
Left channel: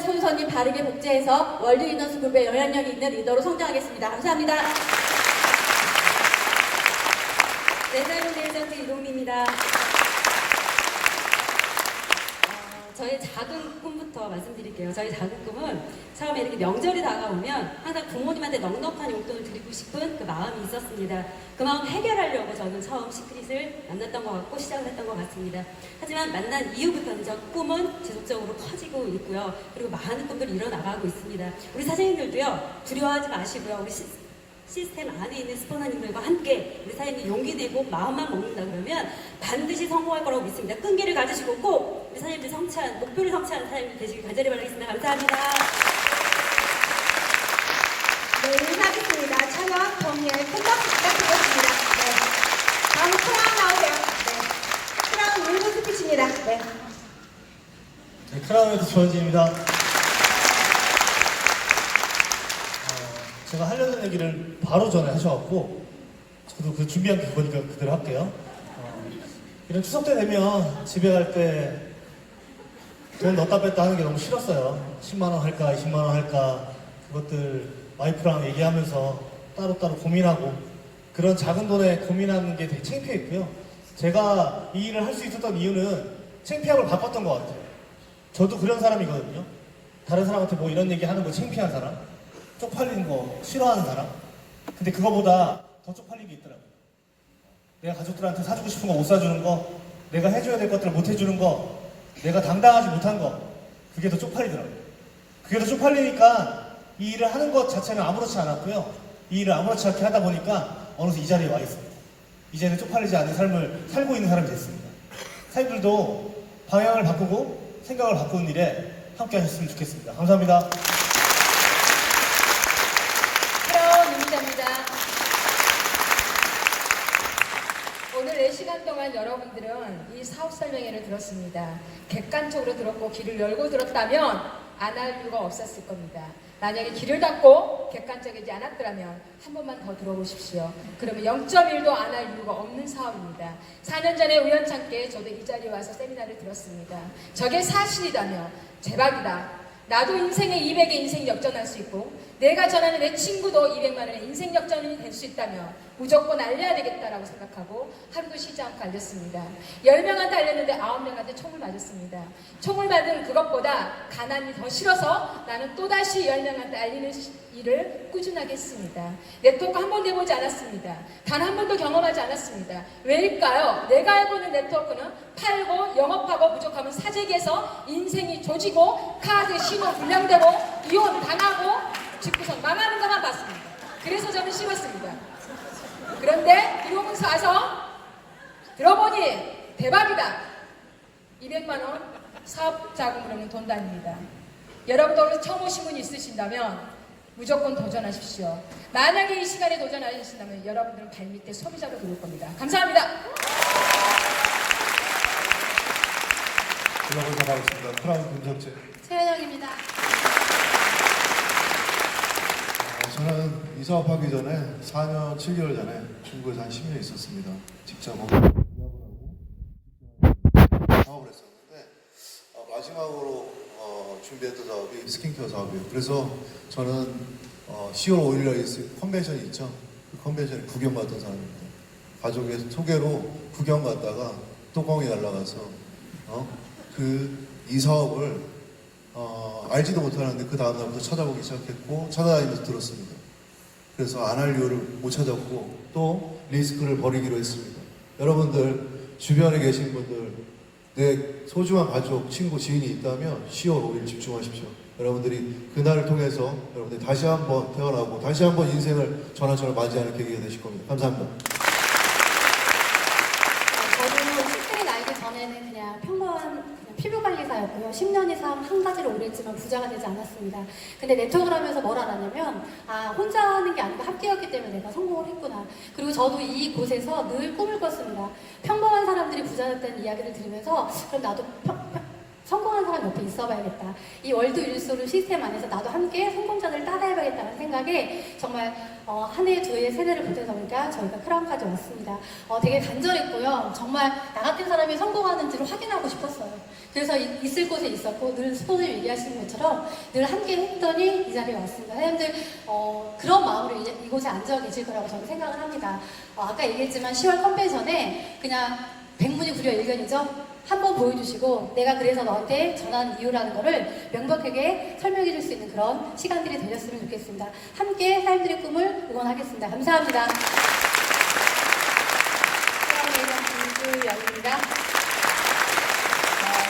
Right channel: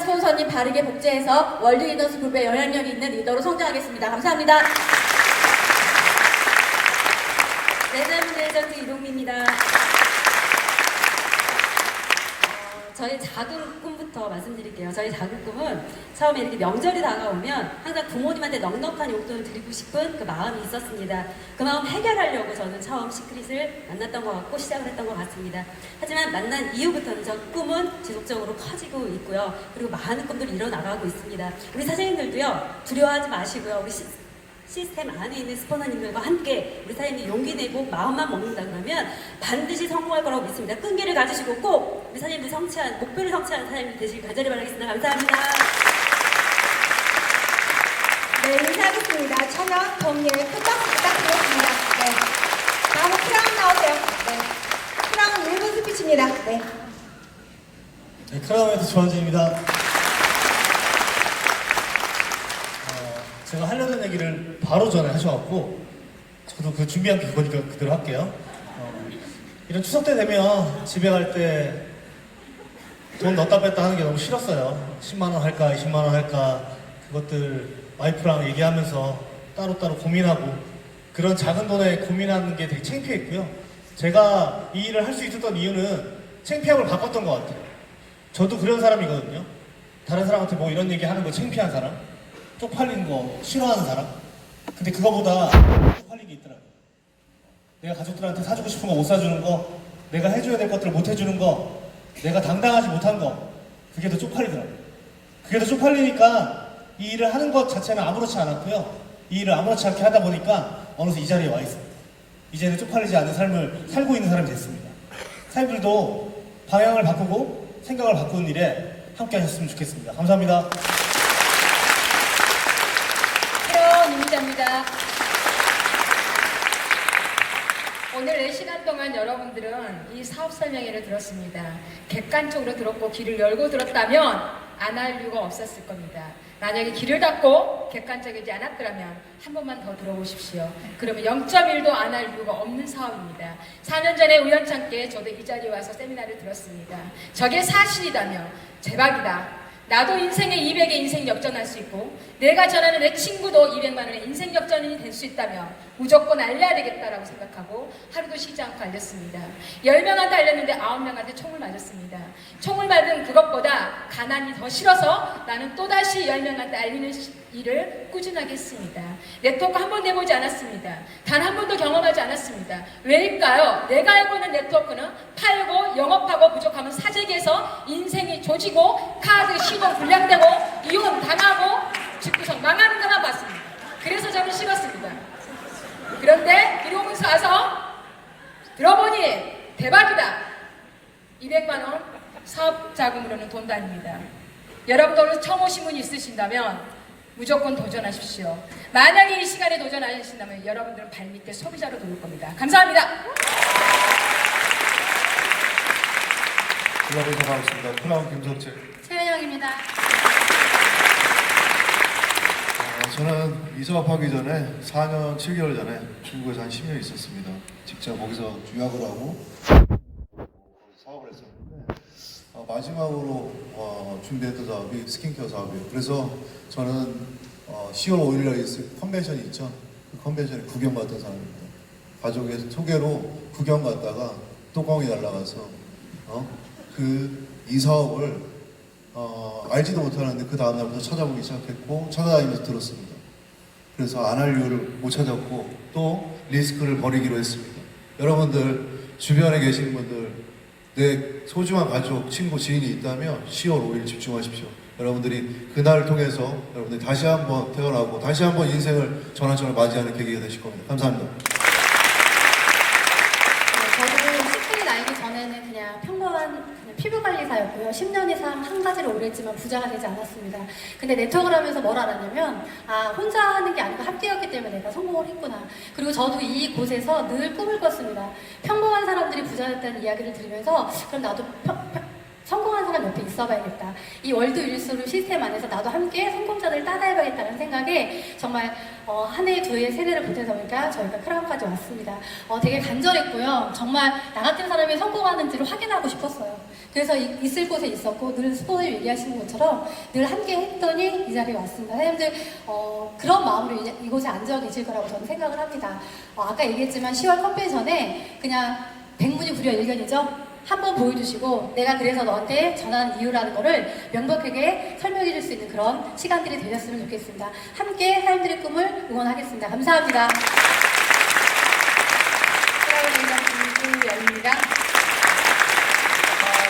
스폰서님 바르게 복제해서 월드 위너스 그룹의 영향력이 있는 리더로 성장하겠습니다. 감사합니다. 레드다이몬드 에이전트 이동기입니다. 저희 작은 꿈부터 말씀드릴게요. 저희 작은 꿈은 처음에 이렇게 명절이 다가오면 항상 부모님한테 넉넉한 용돈을 드리고 싶은 그 마음이 있었습니다. 그 마음 해결하려고 저는 처음 시크릿을 만났던 것 같고 시작을 했던 것 같습니다. 하지만 만난 이후부터는 저 꿈은 지속적으로 커지고 있고요. 그리고 많은 꿈들이 일어나가고 있습니다. 우리 사장님들도요, 두려워하지 마시고요. 우리 시스템 안에 있는 스포너님들과 함께 우리 사장님이 용기 내고 마음만 먹는다 그러면 반드시 성공할 거라고 믿습니다. 끈기를 가지시고 꼭 우리 사장님들 목표를 성취하는 사장님 되시길 간절히 바라겠습니다. 감사합니다. 네, 인사하겠습니다. 천연 동료의 큰 박수 부탁드리겠습니다. 네. 다음은 크라운 나오세요. 네. 크라운 1분 스피치입니다. 네. 네, 크라운에도 조원진입니다. 제가 하려는 얘기를 바로 전에 하셔갖고 저도 그 준비한 게 그거니까 그대로 할게요. 이런 추석 때 되면 집에 갈 때 돈 넣었다 뺐다 하는 게 너무 싫었어요. 10만원 할까 20만원 할까 그것들 와이프랑 얘기하면서 따로따로 고민하고 그런 작은 돈에 고민하는 게 되게 창피했고요. 제가 이 일을 할 수 있었던 이유는 창피함을 바꿨던 것 같아요. 저도 그런 사람이거든요. 다른 사람한테 뭐 이런 얘기 하는 거 창피한 사람, 쪽팔리는 거 싫어하는 사람. 근데 그거보다 쪽팔린 게 있더라고요. 내가 가족들한테 사주고 싶은 거 못 사주는 거, 내가 해줘야 될 것들을 못 해주는 거, 내가 당당하지 못한 거, 그게 더 쪽팔리더라고요. 그게 더 쪽팔리니까 이 일을 하는 것 자체는 아무렇지 않았고요. 이 일을 아무렇지 않게 하다 보니까 어느새 이 자리에 와 있습니다. 이제는 쪽팔리지 않는 삶을 살고 있는 사람이 됐습니다. 사장님들도 방향을 바꾸고 생각을 바꾸는 일에 함께 하셨으면 좋겠습니다. 감사합니다. 입니다. 오늘 4시간 동안 여러분들은 이 사업 설명회를 들었습니다. 객관적으로 들었고 귀를 열고 들었다면 안 할 이유가 없었을 겁니다. 만약에 귀를 닫고 객관적이지 않았더라면 한 번만 더 들어보십시오. 그러면 0.1도 안 할 이유가 없는 사업입니다. 4년 전에 우연찮게 저도 이 자리에 와서 세미나를 들었습니다. 저게 사실이다며 대박이다. 나도 인생에 200의 인생 역전할 수 있고 내가 전하는 내 친구도 200만 원의 인생 역전이 될 수 있다면 무조건 알려야 되겠다라고 생각하고 하루도 쉬지 않고 알렸습니다. 10명한테 알렸는데 9명한테 총을 맞았습니다. 총을 맞은 그것보다 가난이 더 싫어서 나는 또다시 10명한테 알리는 일을 꾸준하게 했습니다. 네트워크 한 번도 해보지 않았습니다. 단 한 번도 경험하지 않았습니다. 왜일까요? 내가 알고 있는 네트워크는 팔고 영업하고 부족하면 사재기에서 인생이 조지고 카드 신용 불량되고 이혼 당하고 집구석 망하는 것만 봤습니다. 그래서 저는 싫었습니다. 그런데 이러면서 와서 들어보니 대박이다. 200만 원 사업 자금으로는 돈도 아닙니다. 여러분들 처음 오신 분이 있으신다면 무조건 도전하십시오. 만약에 이 시간에 도전하신다면 여러분들은 발밑에 소비자로 들어올 겁니다. 감사합니다. 연락을 가겠습니다. 크라운 김석재. 최현영입니다. 저는 이 사업하기 전에 4년 7개월 전에 중국에서 한 10년 있었습니다. 직접 거기서 유학을 하고 사업을 했었는데 마지막으로 준비했던 사업이 스킨케어 사업이에요. 그래서 저는 10월 5일날 있을 컨벤션이 있죠. 그 컨벤션에 구경 갔던 사람입니다. 가족의 소개로 구경 갔다가 뚜껑이 날라가서 이 사업을 알지도 못하는데 그 다음날부터 찾아보기 시작했고 찾아다니면서 들었습니다. 그래서 안 할 이유를 못 찾았고 또 리스크를 버리기로 했습니다. 여러분들 주변에 계신 분들 내 소중한 가족, 친구, 지인이 있다면 10월 5일 집중하십시오. 여러분들이 그날을 통해서 여러분들이 다시 한번 태어나고 다시 한번 인생을 전환점을 맞이하는 계기가 되실 겁니다. 감사합니다. 저도 시크릿 알기 전에는 그냥 평범한 피부관리사였고요. 10년 이상 한 가지를 오래 했지만 부자가 되지 않았습니다. 근데 네트워크를 하면서 뭘 알았냐면 혼자 하는 게 아니고 함께였기 때문에 내가 성공을 했구나. 그리고 저도 이곳에서 늘 꿈을 꿨습니다. 평범한 사람들이 부자였다는 이야기를 들으면서 그럼 나도 성공한 사람 옆에 있어봐야겠다. 이 월드 윌소르 시스템 안에서 나도 함께 성공자들 따라해봐야겠다는 생각에 정말 한 해, 두 해, 세 해를 보내다 보니까 저희가 크라운까지 왔습니다. 되게 간절했고요. 정말 나 같은 사람이 성공하는지를 확인하고 싶었어요. 그래서 있을 곳에 있었고 늘 스포츠를 얘기하시는 것처럼 늘 함께 했더니 이 자리에 왔습니다. 사장님들 그런 마음으로 이곳에 앉아 계실 거라고 저는 생각을 합니다. 아까 얘기했지만 10월 컨벤션에 그냥 백문이 불여일견이죠. 한번 보여주시고 내가 그래서 너한테 전하는 이유라는 거를 명백하게 설명해 줄 수 있는 그런 시간들이 되셨으면 좋겠습니다. 함께 사람들의 꿈을 응원하겠습니다. 감사합니다. 김주연입니다.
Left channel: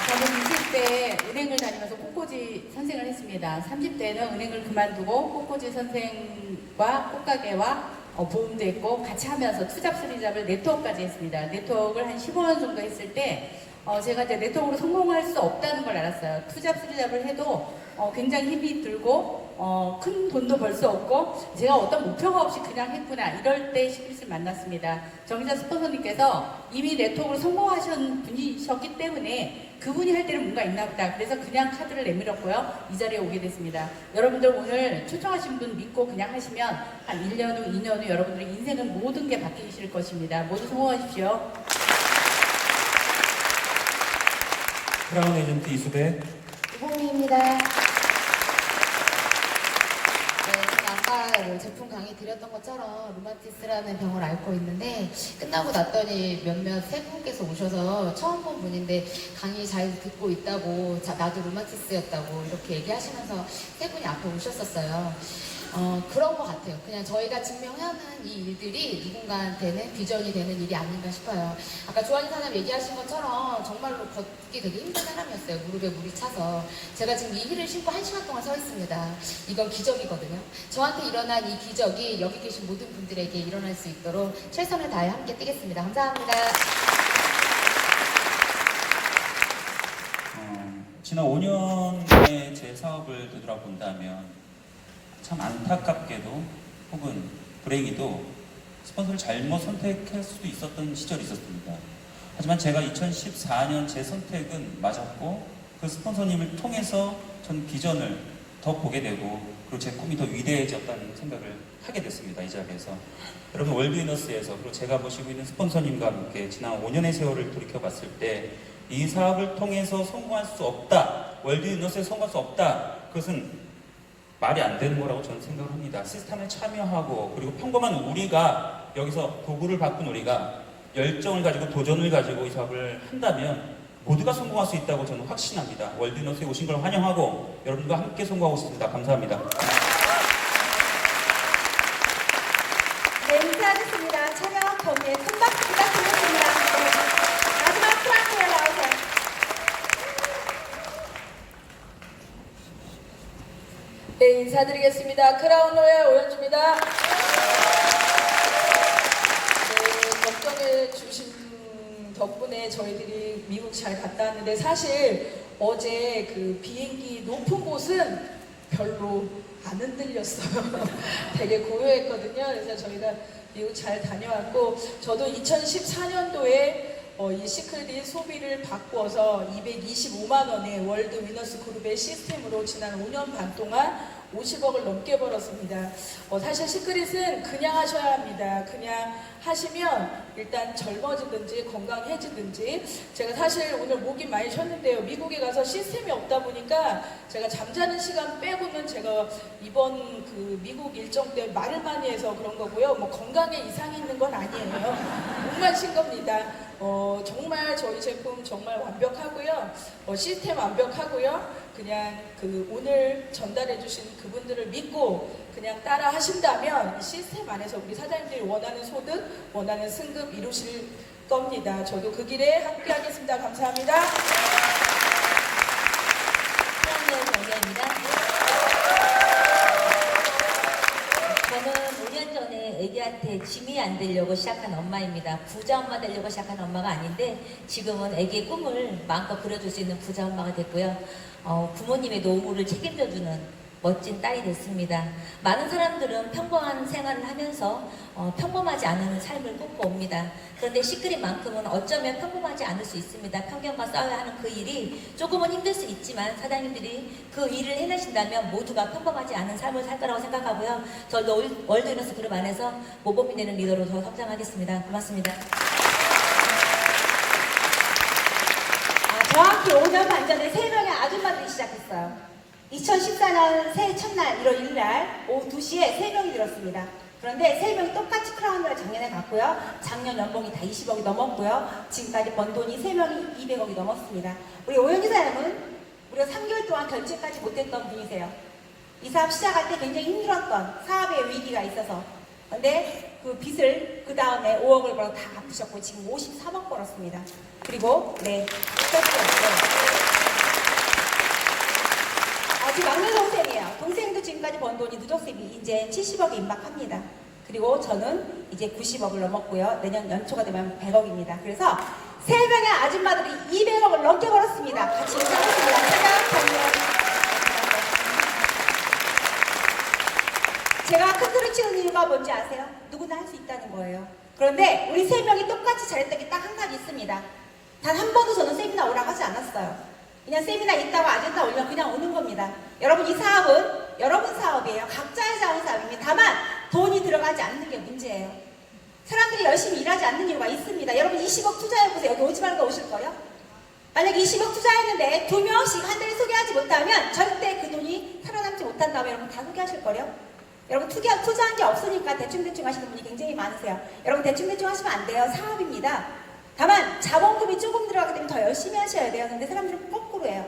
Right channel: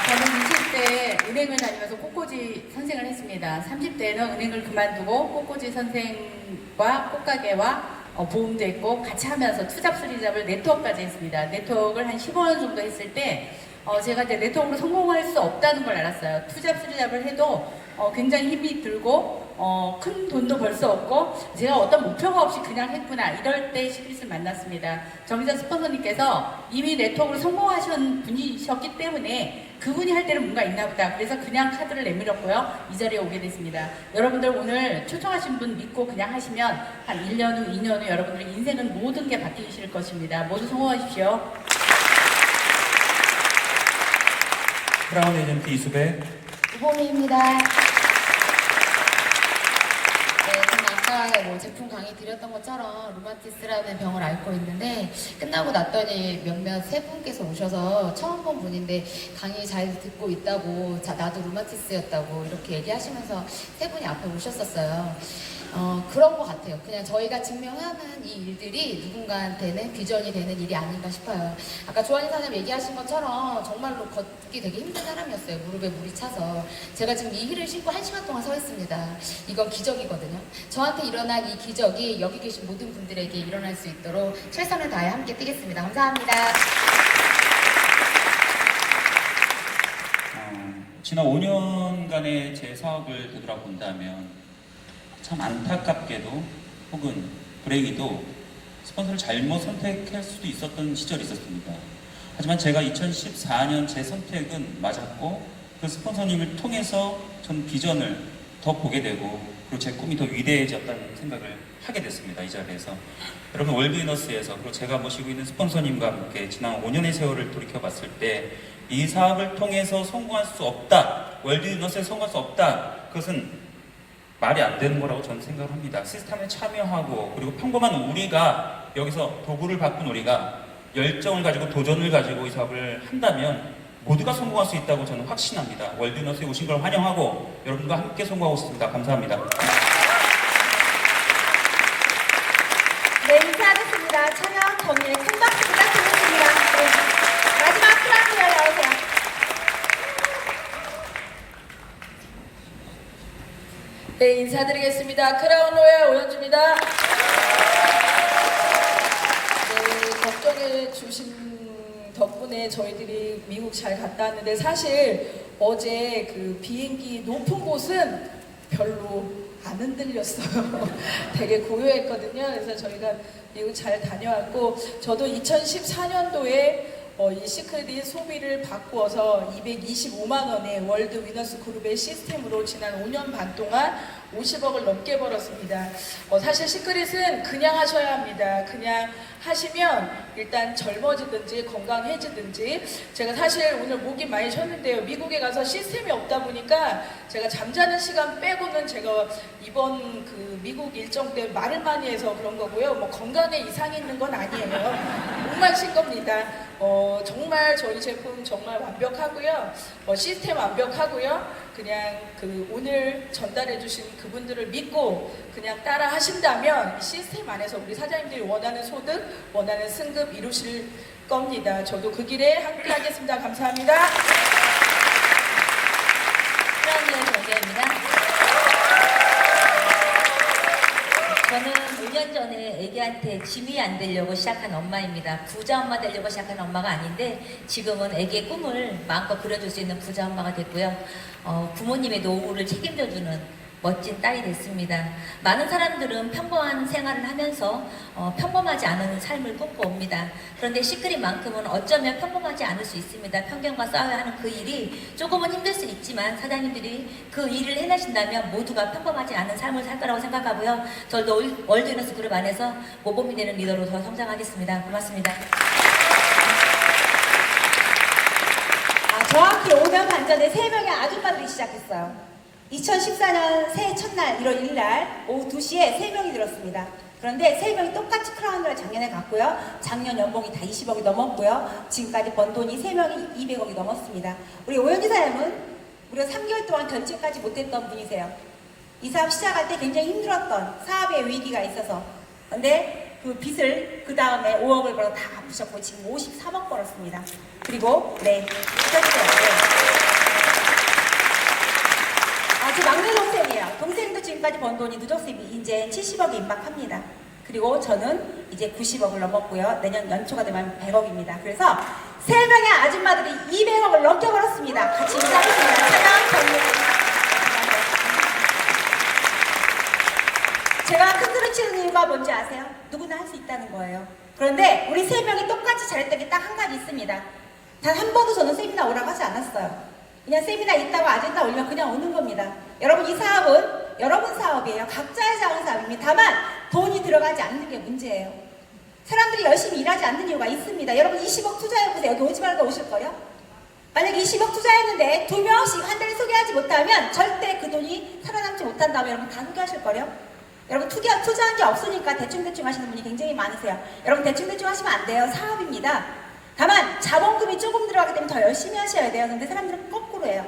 저는 20대에 은행을 다니면서 꽃꽂이 선생을 했습니다. 30대에는 은행을 그만두고 꽃꽂이 선생과 꽃가게와 보험도 했고 같이 하면서 투잡 수리잡을 네트워크까지 했습니다. 네트워크를 한 15년 정도 했을 때 제가 이제 네트워크로 성공할 수 없다는 걸 알았어요. 투잡 수리잡을 해도 굉장히 힘이 들고 큰 돈도 벌 수 없고 제가 어떤 목표가 없이 그냥 했구나 이럴 때 시크릿을 만났습니다. 정의자 스폰서님께서 이미 네트워크로 성공하신 분이셨기 때문에 그분이 할 때는 뭔가 있나 보다. 그래서 그냥 카드를 내밀었고요. 이 자리에 오게 됐습니다. 여러분들 오늘 초청하신 분 믿고 그냥 하시면 한 1년 후, 2년 후 여러분들의 인생은 모든 게 바뀌실 것입니다. 모두 성공하십시오. 크라운 에이전트 이수배. 우봉입니다. 저는 아까 제품 강의 드렸던 것처럼 루마티스라는 병을 앓고 있는데 끝나고 났더니 몇몇 세 분께서 오셔서 처음 본 분인데 강의 잘 듣고 있다고 나도 루마티스였다고 이렇게 얘기하시면서 세 분이 앞에 오셨었어요. 그런 것 같아요. 그냥 저희가 증명하는 이 일들이 누군가한테는 비전이 되는 일이 아닌가 싶어요. 아까 조한희 사장님 얘기하신 것처럼 정말로 걷기 되게 힘든 사람이었어요. 무릎에 물이 차서. 제가 지금 이 힐을 신고 1시간 동안 서 있습니다. 이건 기적이거든요. 저한테 일어난 이 기적이 여기 계신 모든 분들에게 일어날 수 있도록 최선을 다해 함께 뛰겠습니다. 감사합니다. 지난 5년의 제 사업을 되돌아본다면 참 안타깝게도 혹은 불행히도 스폰서를 잘못 선택할 수도 있었던 시절이 있었습니다. 하지만 제가 2014년 제 선택은 맞았고 그 스폰서님을 통해서 전 비전을 더 보게 되고 그리고 제 꿈이 더 위대해졌다는 생각을 하게 됐습니다. 이 자리에서. 여러분 월드위너스에서 그리고 제가 모시고 있는 스폰서님과 함께 지난 5년의 세월을 돌이켜봤을 때 이 사업을 통해서 성공할 수 없다. 월드위너스에 성공할 수 없다. 그것은 말이 안 되는 거라고 저는 생각을 합니다. 시스템에 참여하고 그리고 평범한 우리가 여기서 도구를 바꾼 우리가 열정을 가지고 도전을 가지고 이 사업을 한다면 모두가 성공할 수 있다고 저는 확신합니다. 월드위너스에 오신 걸 환영하고 여러분과 함께 성공하고 있습니다. 감사합니다. 네, 인사하겠습니다. 촬영 범위에 큰 박수 부탁드리겠습니다. 네. 마지막 크라운에 나오세요. 네, 인사드리겠습니다. 크라운 로얄 오연주입니다. 네, 걱정해 주신 덕분에 저희들이 미국 잘 갔다 왔는데 사실 어제 그 비행기 높은 곳은 별로 안 흔들렸어요. 되게 고요했거든요. 그래서 저희가 미국 잘 다녀왔고 저도 2014년도에 이 시크릿 소비를 바꾸어서 225만 원의 월드 위너스 그룹의 시스템으로 지난 5년 반 동안 50억을 넘게 벌었습니다. 사실 시크릿은 그냥 하셔야 합니다. 그냥 하시면 일단 젊어지든지 건강해지든지 제가 사실 오늘 목이 많이 쉬었는데요. 미국에 가서 시스템이 없다 보니까 제가 잠자는 시간 빼고는 제가 이번 그 미국 일정 때 말을 많이 해서 그런 거고요. 뭐 건강에 이상이 있는 건 아니에요. 목만 쉰 겁니다. 정말 저희 제품 정말 완벽하고요. 시스템 완벽하고요. 그냥 오늘 전달해 주신 그분들을 믿고 그냥 따라 하신다면 이 시스템 안에서 우리 사장님들이 원하는 소득, 원하는 승급 이루실 겁니다. 저도 그 길에 함께하겠습니다. 감사합니다. 수학여행 정재입니다. 저는 5년 전에 애기한테 짐이 안 되려고 시작한 엄마입니다. 부자 엄마 되려고 시작한 엄마가 아닌데 지금은 애기의 꿈을 마음껏 그려줄 수 있는 부자 엄마가 됐고요. 부모님의 노후를 책임져주는 멋진 딸이 됐습니다. 많은 사람들은 평범한 생활을 하면서 평범하지 않은 삶을 꿈꿔옵니다. 그런데 시크릿만큼은 어쩌면 평범하지 않을 수 있습니다. 편견과 싸워야 하는 그 일이 조금은 힘들 수 있지만 사장님들이 그 일을 해내신다면 모두가 평범하지 않은 삶을 살 거라고 생각하고요. 저도 월드위너스 그룹 안에서 모범이 되는 리더로 더 성장하겠습니다. 고맙습니다. 정확히 5년 반 전에 3명의 아줌마들이 시작했어요. 2014년 새해 첫날 1월 1일 날 오후 2시에 3명이 들었습니다. 그런데 3명이 똑같이 크라운을 작년에 갔고요. 작년 연봉이 다 20억이 넘었고요. 지금까지 번 돈이 3명이 200억이 넘었습니다. 우리 오연희 사장님은 우리가 3개월 동안 견직하지 못했던 분이세요. 이 사업 시작할 때 굉장히 힘들었던 사업의 위기가 있어서. 그런데 그 빚을 그 다음에 5억을 벌어 다 갚으셨고 지금 53억 벌었습니다. 그리고 제 막내 동생이에요. 동생도 지금까지 번 돈이 누적세비 이제 70억에 임박합니다. 그리고 저는 이제 90억을 넘었고요. 내년 연초가 되면 100억입니다. 그래서 3명의 아줌마들이 200억을 넘게 벌었습니다. 같이 인사하겠습니다. 차량 정리. 제가 큰 소리 치는 이유가 뭔지 아세요? 누구나 할 수 있다는 거예요. 그런데 우리 3명이 똑같이 잘했던 게 딱 한 가지 있습니다. 단 한 번도 저는 세미나 오라고 하지 않았어요. 그냥 세미나 있다고 아젠다 올리면 그냥 오는 겁니다. 여러분 이 사업은 여러분 사업이에요. 각자의 자원 사업입니다. 다만 돈이 들어가지 않는 게 문제예요. 사람들이 열심히 일하지 않는 이유가 있습니다. 여러분 20억 투자해보세요. 여기 오지 말고 오실 거예요? 만약에 20억 투자했는데 2명씩 한 달에 소개하지 못하면 절대 그 돈이 살아남지 못한다면 여러분 다 소개하실 거예요? 여러분 투자한 게 없으니까 대충대충 하시는 분이 굉장히 많으세요. 여러분 대충대충 하시면 안 돼요. 사업입니다. 다만 자본금이 조금 들어가기 때문에 더 열심히 하셔야 돼요. 근데 사람들은 거꾸로 해요.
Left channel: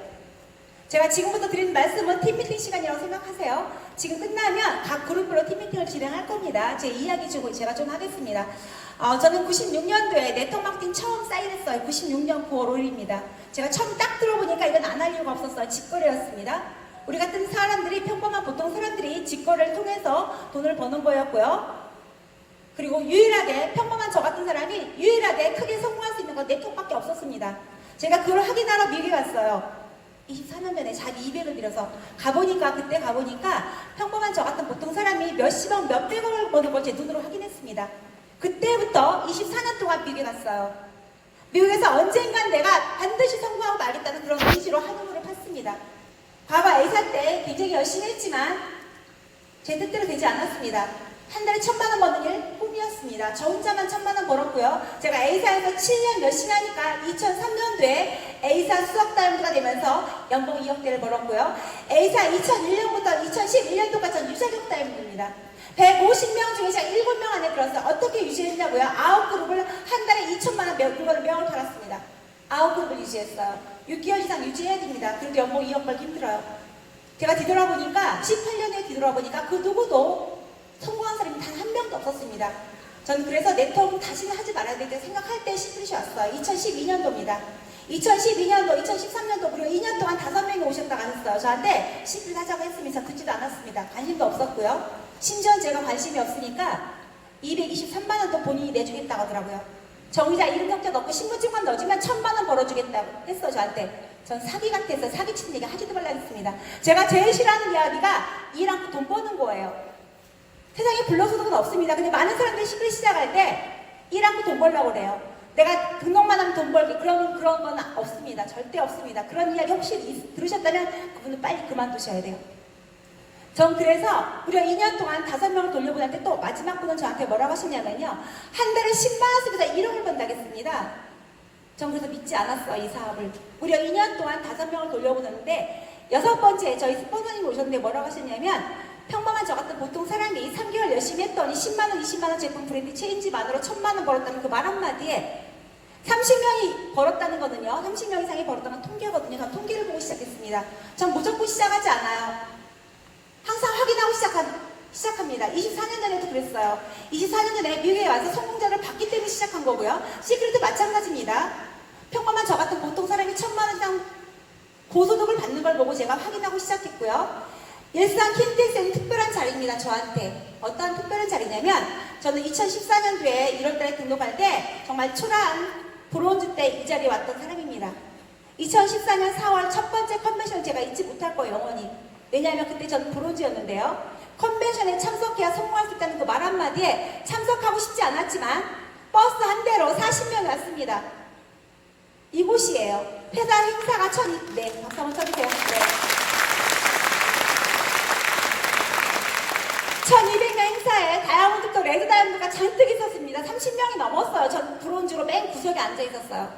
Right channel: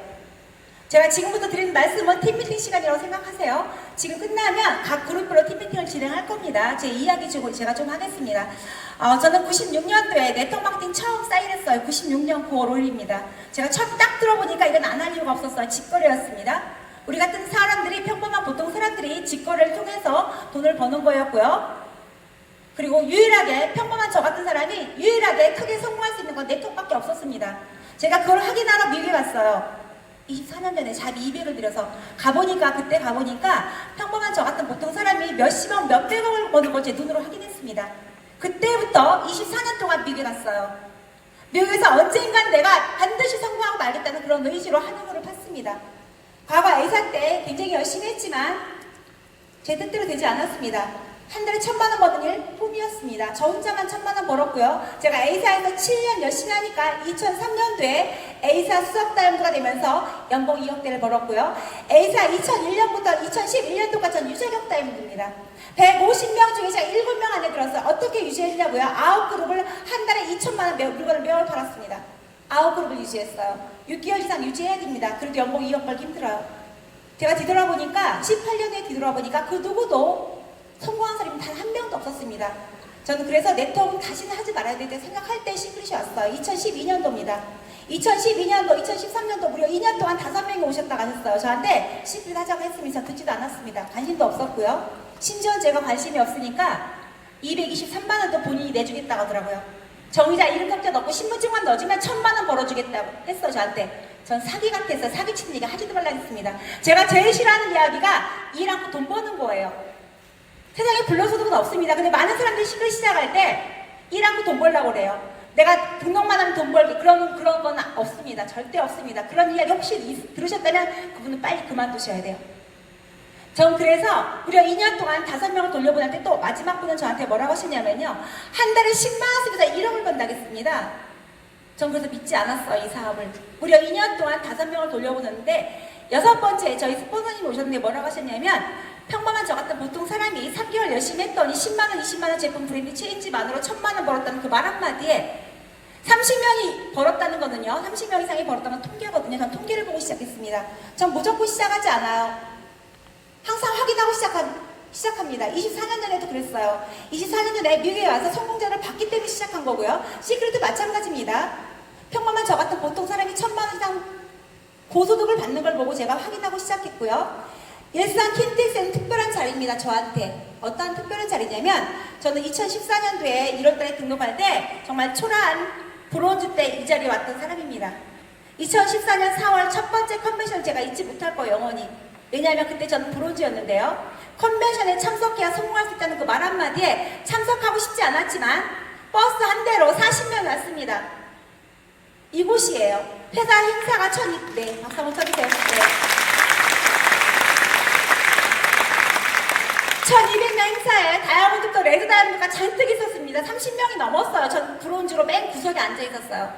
제가 지금부터 드리는 말씀은 팀미팅 시간이라고 생각하세요. 지금 끝나면 각 그룹으로 팀미팅을 진행할 겁니다. 제 이야기 주고 제가 좀 하겠습니다. 저는 96년도에 네트워크마케팅 처음 사인했어요. 96년 9월 5일입니다. 제가 처음 딱 들어보니까 이건 안 할 이유가 없었어요. 직거래였습니다. 우리 같은 사람들이 평범한 보통 사람들이 직거래를 통해서 돈을 버는 거였고요. 그리고 유일하게 평범한 저 같은 사람이 유일하게 크게 성공할 수 있는 건 네트워크밖에 없었습니다. 제가 그걸 확인하러 미리 갔어요. 24년 전에 자기 200을 들여서 그때 가보니까 평범한 저 같은 보통 사람이 몇십억, 몇백억을 버는 걸 제 눈으로 확인했습니다. 그때부터 24년 동안 미국에 갔어요. 미국에서 언젠간 내가 반드시 성공하고 말겠다는 그런 의지로 한우를 팠습니다. 과거 A사 때 굉장히 열심히 했지만 제 뜻대로 되지 않았습니다. 한 달에 1,000만 원 버는 일 꿈이었습니다. 저 혼자만 1,000만 원 벌었고요. 제가 A사에서 7년 열심히 하니까 2003년도에 A사 수석 다이언드가 되면서 연봉 2억대를 벌었고요. A사 2001년부터 2011년도까지 전 유자격 다이언드입니다. 150명 중에 제가 7명 안에 들어서 어떻게 유지했냐고요? 9그룹을 한 달에 2,000만 원 물건을 매월 팔았습니다. 9그룹을 유지했어요. 6개월 이상 유지해야 됩니다. 그래도 연봉 2억 벌기 힘들어요. 제가 뒤돌아보니까 18년에 뒤돌아보니까 그 누구도 성공한 사람이 단 한 명도 없었습니다. 저는 그래서 네트워크 다시는 하지 말아야 되겠다 생각할 때 시크릿이 왔어요. 2012년도입니다. 2012년도, 2013년도 무려 2년 동안 5명이 오셨다고 하셨어요. 저한테 시크릿 하자고 했으면서 듣지도 않았습니다. 관심도 없었고요. 심지어 제가 관심이 없으니까 223만 원도 본인이 내주겠다고 하더라고요. 정의자 이름 적자 넣고 신분증만 넣어주면 1,000만 원 벌어주겠다고 했어 저한테. 전 사기 같아서 사기치는 얘기 하지도 말라 했습니다. 제가 제일 싫어하는 이야기가 일 않고 돈 버는 거예요. 세상에 불로소득은 없습니다. 근데 많은 사람들이 시크릿 시작할 때 일 않고 돈 벌려고 그래요. 내가 등록만 하면 돈 벌기 그런 건 없습니다. 절대 없습니다. 그런 이야기 혹시 들으셨다면 그분은 빨리 그만두셔야 돼요. 전 그래서 무려 2년 동안 5명을 돌려보냈는데 또 마지막 분은 저한테 뭐라고 하시냐면요. 한 달에 10만 원 쓰면서 1억을 번다겠습니다. 전 그래서 믿지 않았어요. 이 사업을. 무려 2년 동안 5명을 돌려보냈는데 6번째 저희 스폰서님이 오셨는데 뭐라고 하셨냐면 평범한 저 같은 보통 사람이 3개월 열심히 했더니 10만 원, 20만 원 제품 브랜드 체인지만으로 1,000만 원 벌었다는 그 말 한마디에 30명이 벌었다는 거는요. 30명 이상이 벌었다는 통계거든요. 전 통계를 보고 시작했습니다. 전 무조건 시작하지 않아요. 항상 확인하고 시작합니다. 24년 전에도 그랬어요. 24년 전에 미국에 와서 성공자를 봤기 때문에 시작한 거고요. 시크릿도 마찬가지입니다. 평범한 저 같은 보통 사람이 1,000만 원 이상 고소득을 받는 걸 보고 제가 확인하고 시작했고요. 일산 킨텍스는 특별한 자리입니다. 저한테. 어떠한 특별한 자리냐면 저는 2014년도에 1월달에 등록할 때 정말 초라한 브론즈 때 이 자리에 왔던 사람입니다. 2014년 4월 첫 번째 컨벤션 제가 잊지 못할 거예요. 영원히. 왜냐하면 그때 저는 브론즈였는데요. 컨벤션에 참석해야 성공할 수 있다는 그 말 한마디에 참석하고 싶지 않았지만 버스 한 대로 40명이 왔습니다. 이곳이에요. 회사 행사가 네, 박수 한번 쳐주세요. 네. 1200명 행사에 다이아몬드도 레드 다이아몬드가 잔뜩 있었습니다. 30명이 넘었어요. 전 브론즈로 맨 구석에 앉아 있었어요.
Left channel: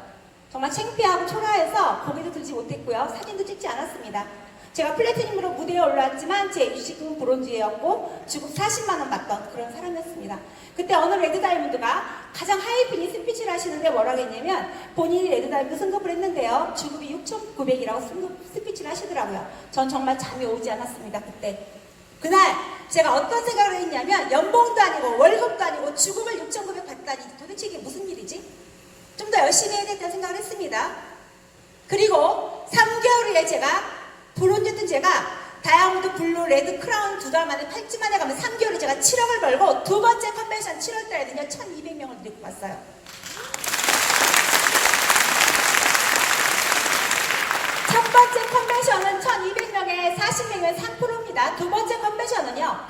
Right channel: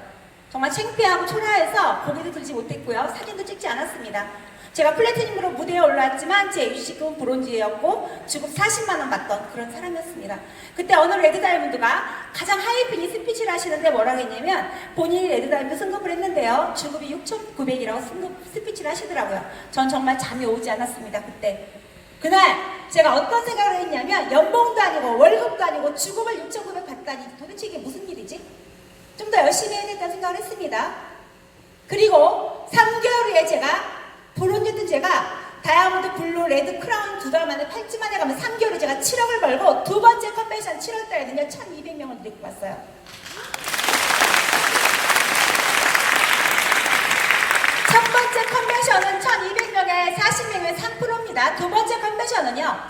정말 창피하고 초라해서 고개도 들지 못했고요. 사진도 찍지 않았습니다. 제가 플래티넘으로 무대에 올라왔지만 제 유식은 브론즈였고 주급 40만 원 받던 그런 사람이었습니다. 그때 어느 레드 다이아몬드가 가장 하이핀이 스피치를 하시는데 뭐라고 했냐면 본인이 레드 다이아몬드 승급을 했는데요. 주급이 6,900이라고 스피치를 하시더라고요. 전 정말 잠이 오지 않았습니다. 그날 제가 어떤 생각을 했냐면 연봉도 아니고 월급도 아니고 주급을 6,900 받다니 도대체 이게 무슨 일이지? 좀 더 열심히 해야겠다는 생각을 했습니다. 그리고 3개월 후에 제가 브론즈든 제가 다이아몬드, 블루, 레드, 크라운 2달 만에 8주 만에 가면 3개월 후에 제가 7억을 벌고 두 번째 컨벤션 7월달에는요 1,200명을 데리고 왔어요. 첫 번째 컨벤션은 1,200명에 40명의 3%입니다. 두 번째 컨벤션은요,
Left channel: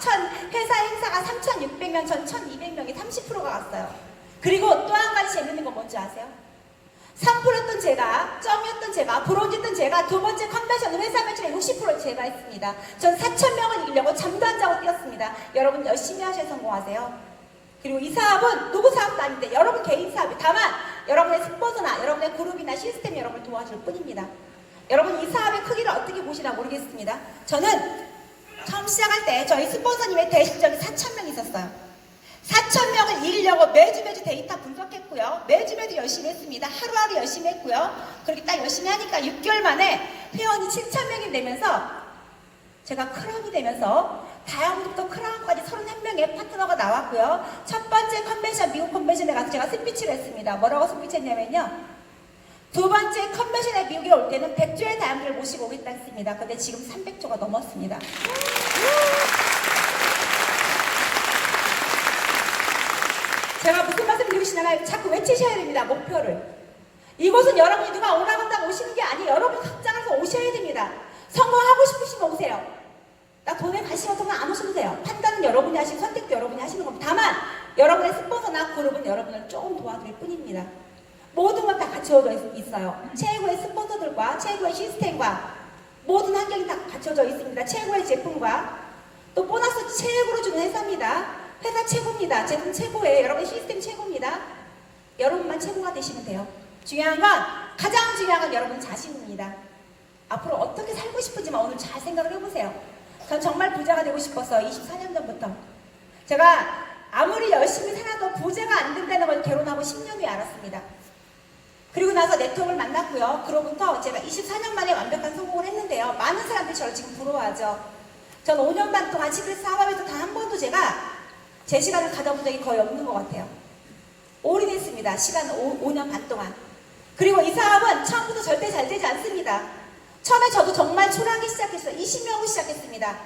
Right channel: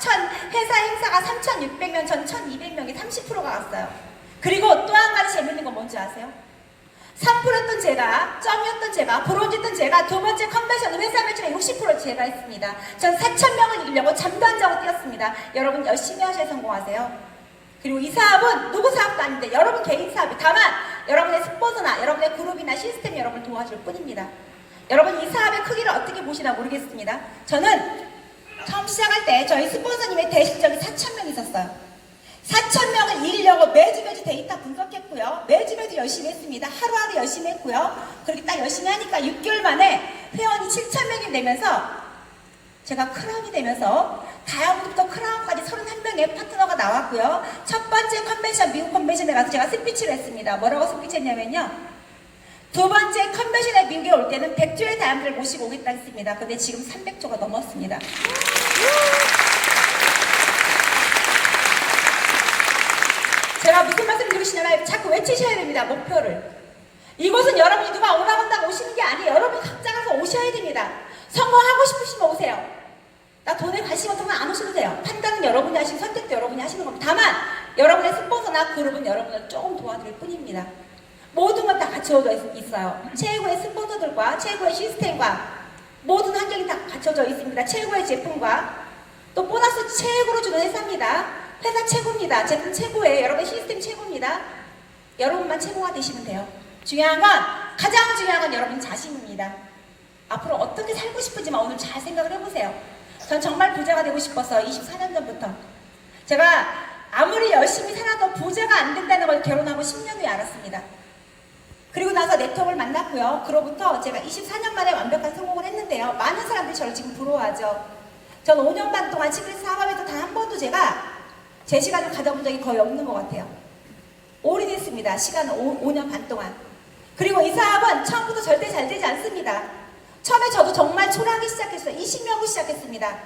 회사 행사가 3,600명, 전 1,200명이 30%가 왔어요. 그리고 또 한 가지 재밌는 건 뭔지 아세요? 3%였던 제가, 점이었던 제가, 브론즈였던 제가 두 번째 컨벤션은 회사 매출의 60% 제가 했습니다. 전 4,000명을 이기려고 잠도 안 자고 뛰었습니다. 여러분 열심히 하셔야 성공하세요. 그리고 이 사업은 누구 사업도 아닌데 여러분 개인 사업이 다만 여러분의 스포츠나 여러분의 그룹이나 시스템이 여러분을 도와줄 뿐입니다. 여러분 이 사업의 크기를 어떻게 보시나 모르겠습니다. 저는 처음 시작할 때 저희 스폰서님의 대실점이 4,000명 있었어요. 4,000명을 이기려고 매주 데이터 분석했고요. 매주 열심히 했습니다. 하루하루 열심히 했고요. 그렇게 딱 열심히 하니까 6개월 만에 회원이 7,000명이 되면서 제가 크라운이 되면서 다이아몬드부터 크라운까지 31명의 파트너가 나왔고요. 첫 번째 컨벤션, 미국 컨벤션에 가서 제가 스피치를 했습니다. 뭐라고 스피치했냐면요. 두 번째 컨벤션에 미국에 올 때는 100조의 다이아몬드를 모시고 오겠다 했습니다. 근데 지금 300조가 넘었습니다. 제가 무슨 말씀 드리고 싶냐면 자꾸 외치셔야 됩니다. 목표를. 이곳은 여러분이 누가 오라고 한다고 오시는 게 아니에요. 여러분 각자 가서 오셔야 됩니다. 성공하고 싶으시면 오세요. 나 돈에 관심 없으면 안 오셔도 돼요. 판단은 여러분이 하시고 선택도 여러분이 하시는 겁니다. 다만 여러분의 스폰서나 그룹은 여러분을 조금 도와드릴 뿐입니다. 모든 건 다 갖춰져 있어요. 최고의 스폰서들과 최고의 시스템과 모든 환경이 다 갖춰져 있습니다. 최고의 제품과 또 보너스 최고로 주는 회사입니다. 회사 최고입니다. 제품 최고예요. 여러분의 시스템 최고입니다. 여러분만 최고가 되시면 돼요. 가장 중요한 건 여러분 자신입니다. 앞으로 어떻게 살고 싶은지만 오늘 잘 생각을 해보세요. 전 정말 부자가 되고 싶어서 24년 전부터 제가 아무리 열심히 살아도 부자가 안 된다는 걸 결혼하고 10년 후에 알았습니다. 그리고 나서 네트워크를 만났고요. 그로부터 제가 24년 만에 완벽한 성공을 했는데요. 많은 사람들이 저를 지금 부러워하죠. 전 5년 반 동안 시크릿 사업에서 단 한 번도 제가 제 시간을 가져본 적이 거의 없는 것 같아요. 올인했습니다. 시간 5년 반 동안. 그리고 이 사업은 처음부터 절대 잘 되지 않습니다. 처음에 저도 정말 초라하게 시작했어요. 20명으로 시작했습니다.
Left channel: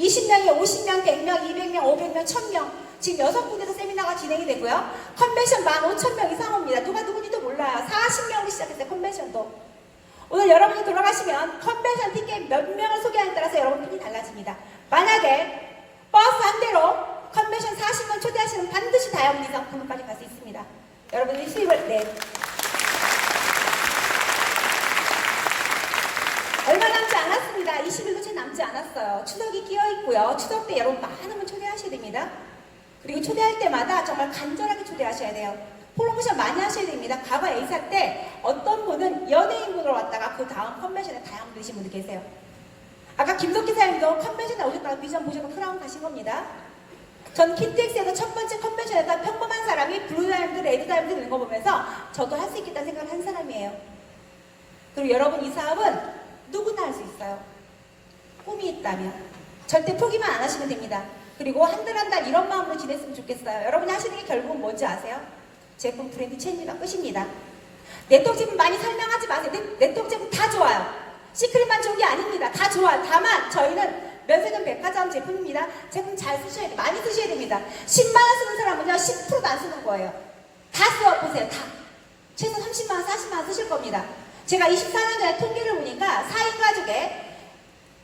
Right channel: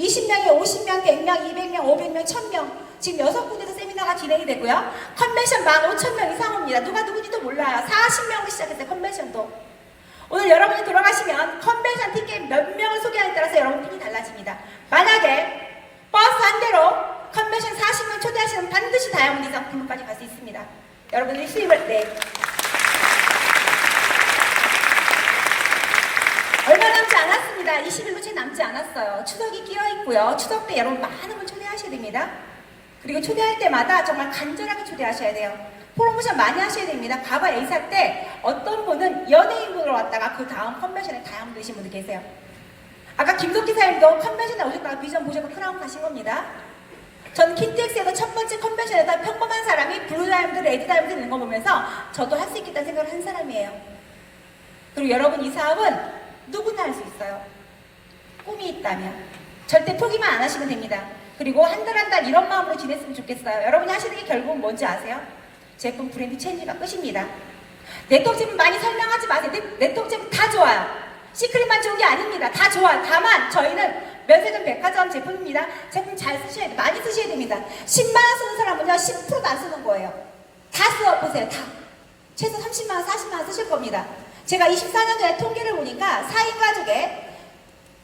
20명이 50명, 100명, 200명, 500명, 1000명. 지금 6군데서 세미나가 진행이 되고요. 컨벤션 15,000명 이상 옵니다. 누가 누군지도 몰라요. 40명으로 시작했어요. 컨벤션도. 오늘 여러분이 돌아가시면 컨벤션 티켓 몇 명을 소개하느냐에 따라서 여러분 핀이 달라집니다. 만약에 버스 한 대로 컨벤션 40명 초대하시면 반드시 다이아몬드 이상 블루까지 갈 수 있습니다. 여러분의 수입을 얼마 남지 않았습니다. 20일도 채 남지 않았어요. 추석이 끼어있고요. 추석 때 여러분 많은 분 초대하셔야 됩니다. 그리고 초대할 때마다 정말 간절하게 초대하셔야 돼요. 프로모션 많이 하셔야 됩니다. 과거 A사 때 어떤 분은 연예인분으로 왔다가 그 다음 컨벤션에 다이아몬드 되신 분들 계세요. 아까 김덕기 사장님도 컨벤션에 오셨다가 비전 보시고 크라운 가신 겁니다. 저는 킨텍스에서 첫 번째 컨벤션에서 평범한 사람이 블루 다이아몬드, 레드 다이아몬드 있는 거 보면서 저도 할 수 있겠다는 생각을 한 사람이에요. 그리고 여러분 이 사업은 누구나 할 수 있어요. 꿈이 있다면 절대 포기만 안 하시면 됩니다. 그리고 한 달 한 달 이런 마음으로 지냈으면 좋겠어요. 여러분이 하시는 게 결국은 뭔지 아세요? 제품 브랜드 체인지가 끝입니다. 네트워크 제품 많이 설명하지 마세요. 네트워크 제품 다 좋아요. 시크릿만 좋은 게 아닙니다. 다 좋아요. 다만 저희는 면세점 백화점 제품입니다. 제품 잘 쓰셔야 돼요. 많이 쓰셔야 됩니다. 10만 원 쓰는 사람은요 10%도 안 쓰는 거예요. 다 써보세요. 다. 최소 30만 원, 40만 원 쓰실 겁니다. 제가 24년 전에 통계를 보니까 4인 가족에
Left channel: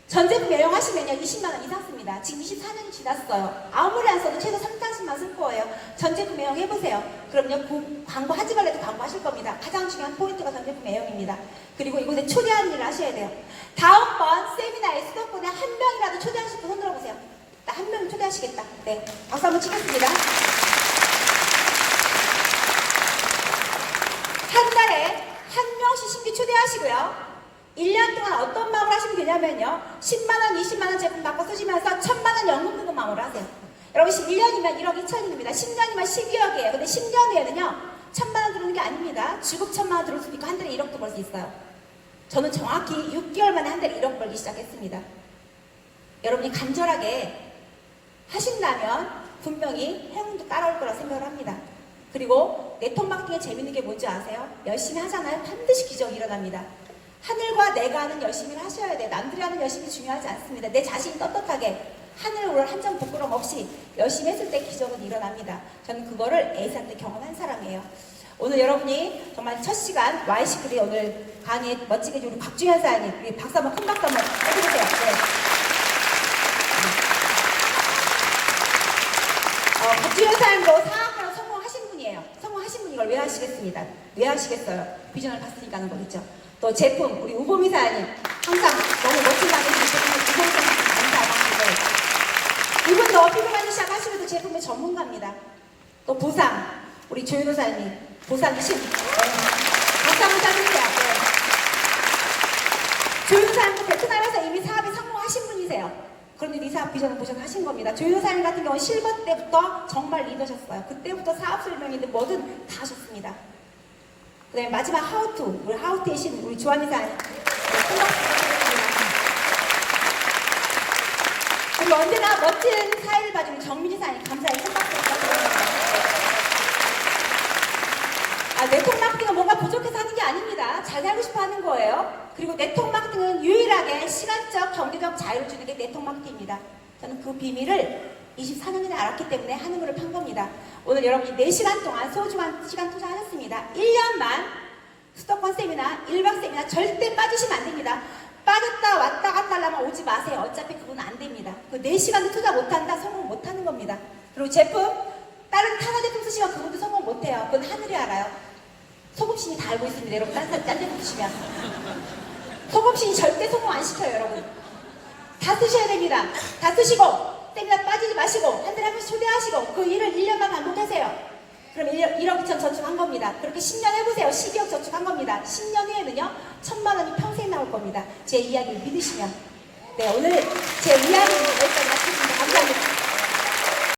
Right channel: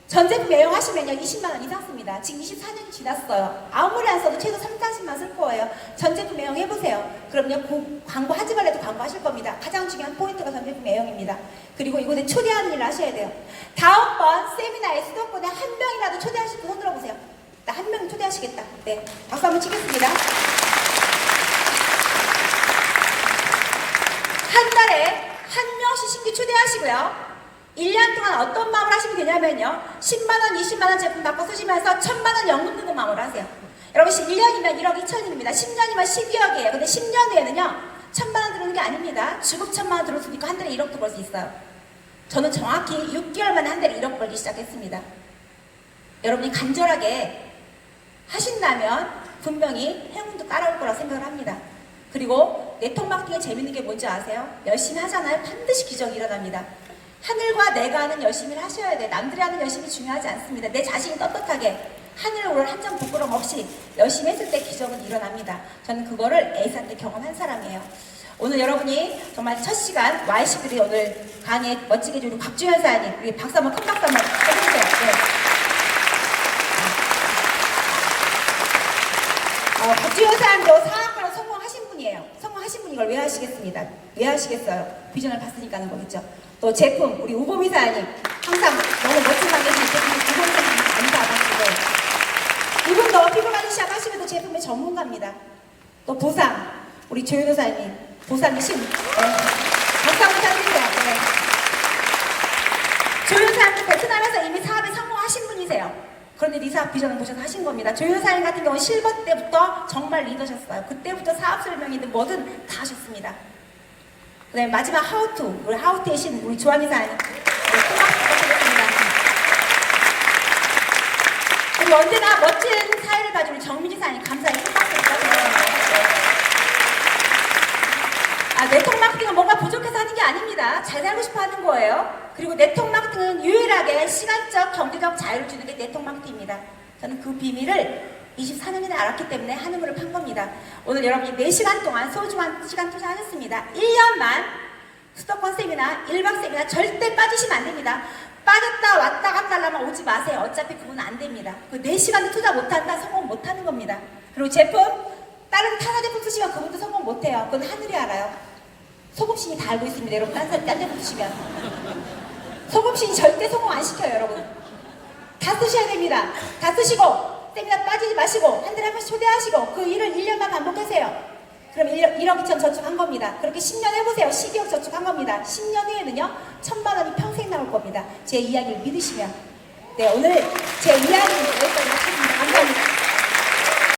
전 제품 매용하시면요 20만 원 이상 씁니다. 지금 24년이 지났어요. 아무리 안 써도 최소 30만 쓸 거예요. 전 제품 매용해보세요. 그럼요 광고 하지 말래도 광고 하실 겁니다. 가장 중요한 포인트가 전 제품 매용입니다. 그리고 이곳에 초대하는 일을 하셔야 돼요. 다음번 세미나에 수도권에 한 명이라도 초대하실 분 손 들어보세요. 나 한 명을 초대하시겠다. 네, 박수 한번 치겠습니다. 한 달에 한 명씩 신규 초대하시고요. 1년 동안 어떤 마음을 하시면 되냐면요. 10만원, 20만원 제품 받고 쓰시면서 1000만원 연금 드는 마음으로 하세요. 여러분 1년이면 1억 2천입니다. 10년이면 12억이에요. 근데 10년 뒤에는요. 1000만원 드는 게 아닙니다. 주급 1000만원 들을 수 있고 한 달에 1억도 벌 수 있어요. 저는 정확히 6개월 만에 한 달에 1억 벌기 시작했습니다. 여러분이 간절하게 하신다면 분명히 행운도 따라올 거라고 생각을 합니다. 그리고 네트워크 마케팅의 재밌는 게 뭔지 아세요? 열심히 하잖아요. 반드시 기적이 일어납니다. 하늘과 내가 하는 열심히를 하셔야 돼. 남들이 하는 열심히 중요하지 않습니다. 내 자신이 떳떳하게 하늘 오를 한 점 부끄럼 없이 열심히 했을 때 기적은 일어납니다. 저는 그거를 에이사 때 경험한 사람이에요. 오늘 여러분이 정말 첫 시간 YC들이 오늘 강의에 멋지게 해주는 곽주현 사장님, 우리 박수 한번 큰 박수 한번 해주세요. 네. 곽주현 사장님도 사업가로 성공하신 분이에요. 성공하신 분이 이걸 왜 하시겠습니다. 왜 하시겠어요? 비전을 봤으니까 하는 거겠죠. 또 제품 우리 우보미 사장님 항상 너무 멋진 강의를 제품을 구성해주셔서 감사하고 이분도 피부 관리 시작하시면서 제품의 전문가입니다. 또 보상 우리 조윤호 사장님 보상 신 박수 한번 쳐주세요. 네. 조윤호 사장님도 베트남에서 이미 사업에 성공하신 분이세요. 그런데 이 사업 비전을 보셔서 하신 겁니다. 조윤호 사장님 같은 경우는 실버 때부터 정말 리더셨어요. 그때부터 사업 설명이든 뭐든 다 하셨습니다. 네, 마지막 하우투, 우리 하우투의 신, 우리 조한희 사장님. 큰 박수 부탁드립니다. 그리고 언제나 멋진 사회를 봐주는 정민희 사장님, 감사히 큰 박수 부탁드립니다. 네트워크 마케팅은 뭔가 부족해서 하는 게 아닙니다. 잘 살고 싶어 하는 거예요. 그리고 네트워크 마케팅은 유일하게 시간적, 경제적 자유를 주는 게 네트워크 마케팅입니다. 저는 그 비밀을 24년이나 알았기 때문에 한우물을 판 겁니다. 오늘 여러분이 4시간 동안 소중한 시간 투자하셨습니다. 1년만 수도권 세미나, 1박 세미나 절대 빠지시면 안 됩니다. 빠졌다 왔다 갔다 하려면 오지 마세요. 어차피 그건 안 됩니다. 그 4시간도 투자 못한다, 성공 못하는 겁니다. 그리고 제품, 다른 타사 제품 쓰시면 그분도 성공 못해요. 그건 하늘이 알아요. 소금신이 다 알고 있습니다. 여러분 딴 제품 쓰시면. 소금신이 절대 성공 안 시켜요. 여러분. 다 쓰셔야 됩니다. 다 쓰시고 세미나 빠지지 마시고 한 달에 한 번씩 초대하시고 그 일을 1년만 반복하세요. 그럼 1억 2천 저축한 겁니다. 그렇게 10년 해보세요. 12억 저축한 겁니다. 10년 후에는요 1000만 원이 평생 나올 겁니다. 제 이야기를 믿으시면. 네, 오늘 제 이야기는 여기까지 마치겠습니다. 감사합니다.